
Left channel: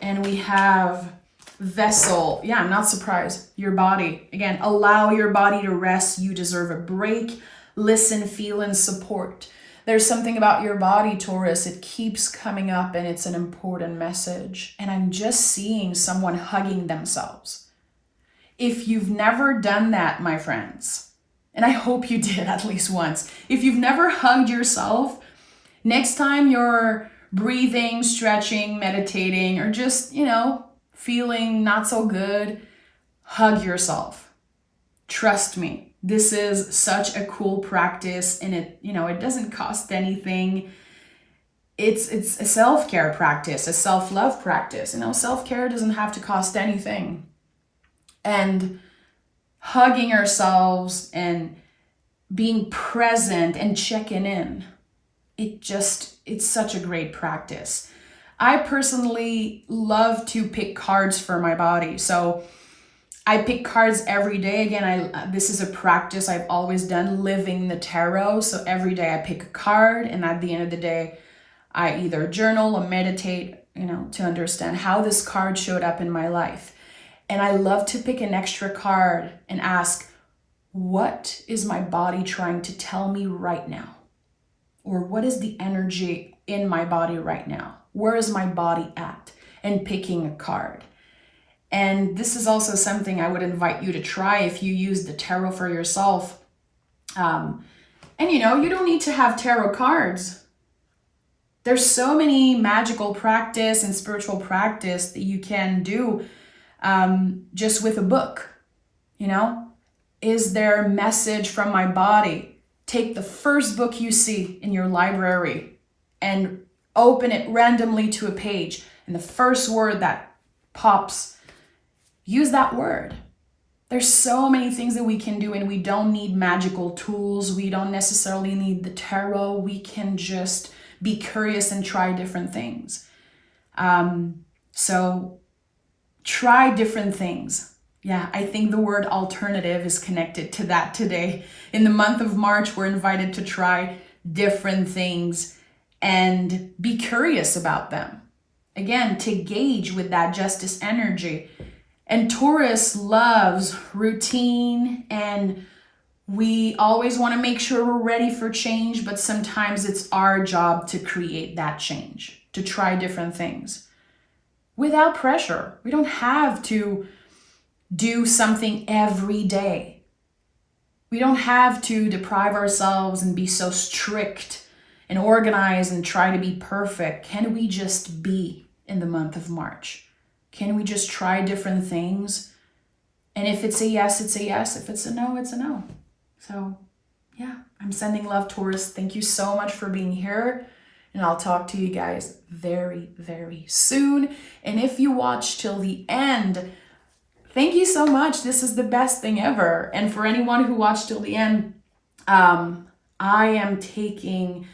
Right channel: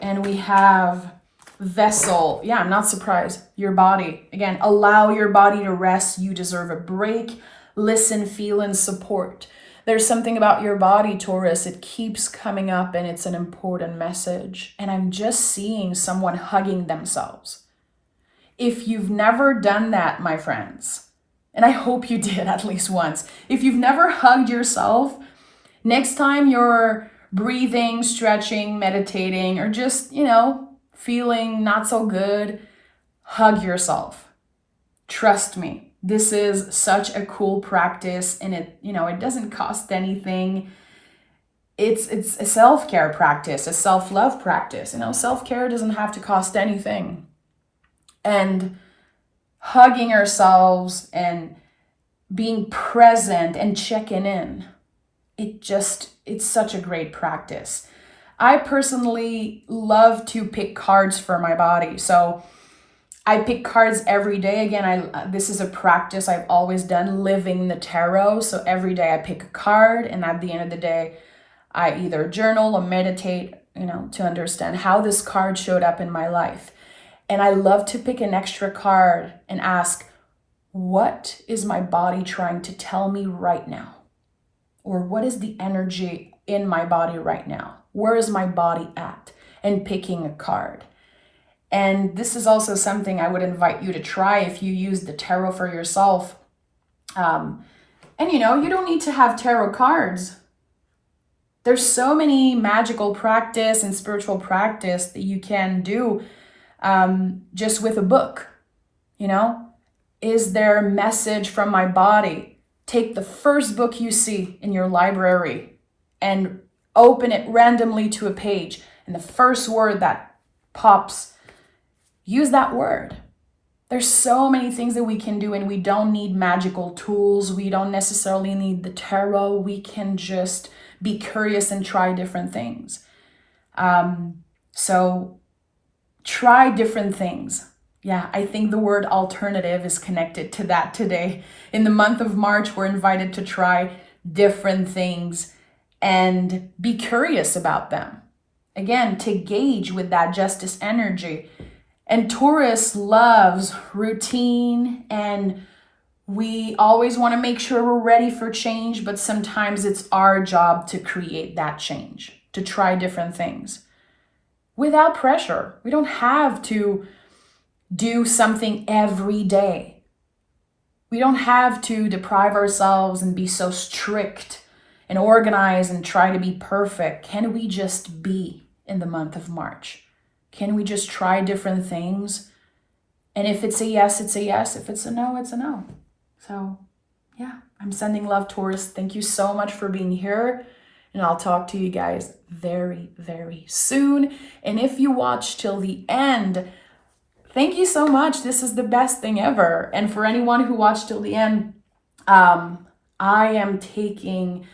And we have Vessel. Yeah, I'm not surprised. Your body. Again, allow your body to rest. You deserve a break. Listen, feel, and support. There's something about your body, Taurus. It keeps coming up and it's an important message. And I'm just seeing someone hugging themselves. If you've never done that, my friends, and I hope you did at least once. If you've never hugged yourself, next time you're breathing, stretching, meditating, or just, feeling not so good, hug yourself. Trust me, this is such a cool practice, and it doesn't cost anything. It's a self-care practice, a self-love practice. Self-care doesn't have to cost anything. And hugging ourselves and being present and checking in, it's such a great practice. I personally love to pick cards for my body. So I pick cards every day. Again, this is a practice I've always done, living the tarot. So every day I pick a card, and at the end of the day, I either journal or meditate, to understand how this card showed up in my life. And I love to pick an extra card and ask, what is my body trying to tell me right now? Or what is the energy in my body right now? Where is my body at? And picking a card. And this is also something I would invite you to try if you use the tarot for yourself. And you don't need to have tarot cards. There's so many magical practice and spiritual practice that you can do just with a book. Is there a message from my body? Take the first book you see in your library and open it randomly to a page. And the first word that pops, use that word. There's so many things that we can do, and we don't need magical tools. We don't necessarily need the tarot. We can just be curious and try different things. So try different things. Yeah, I think the word alternative is connected to that today. In the month of March, we're invited to try different things and be curious about them. Again, to gauge with that justice energy. And Taurus loves routine, and we always want to make sure we're ready for change, but sometimes it's our job to create that change, to try different things without pressure. We don't have to do something every day. We don't have to deprive ourselves and be so strict and organized and try to be perfect. Can we just be in the month of March? Can we just try different things? And if it's a yes, it's a yes. If it's a no, it's a no. So yeah, I'm sending love, Taurus. Thank you so much for being here. And I'll talk to you guys very, very soon. And if you watch till the end, thank you so much. This is the best thing ever. And for anyone who watched till the end, I am taking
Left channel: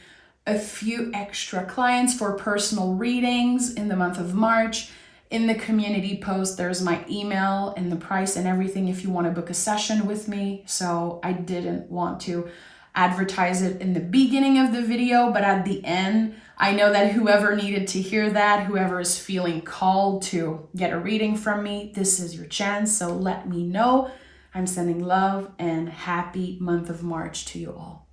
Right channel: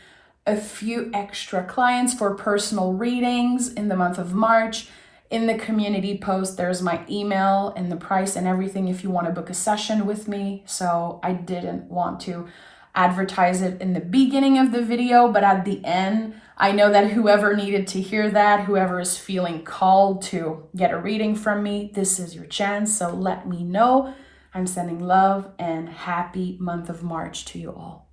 a few extra clients for personal readings in the month of March. In the community post, there's my email and the price and everything if you want to book a session with me. So I didn't want to advertise it in the beginning of the video, but at the end, I know that whoever needed to hear that, whoever is feeling called to get a reading from me, this is your chance. So let me know. I'm sending love and happy month of March to you all.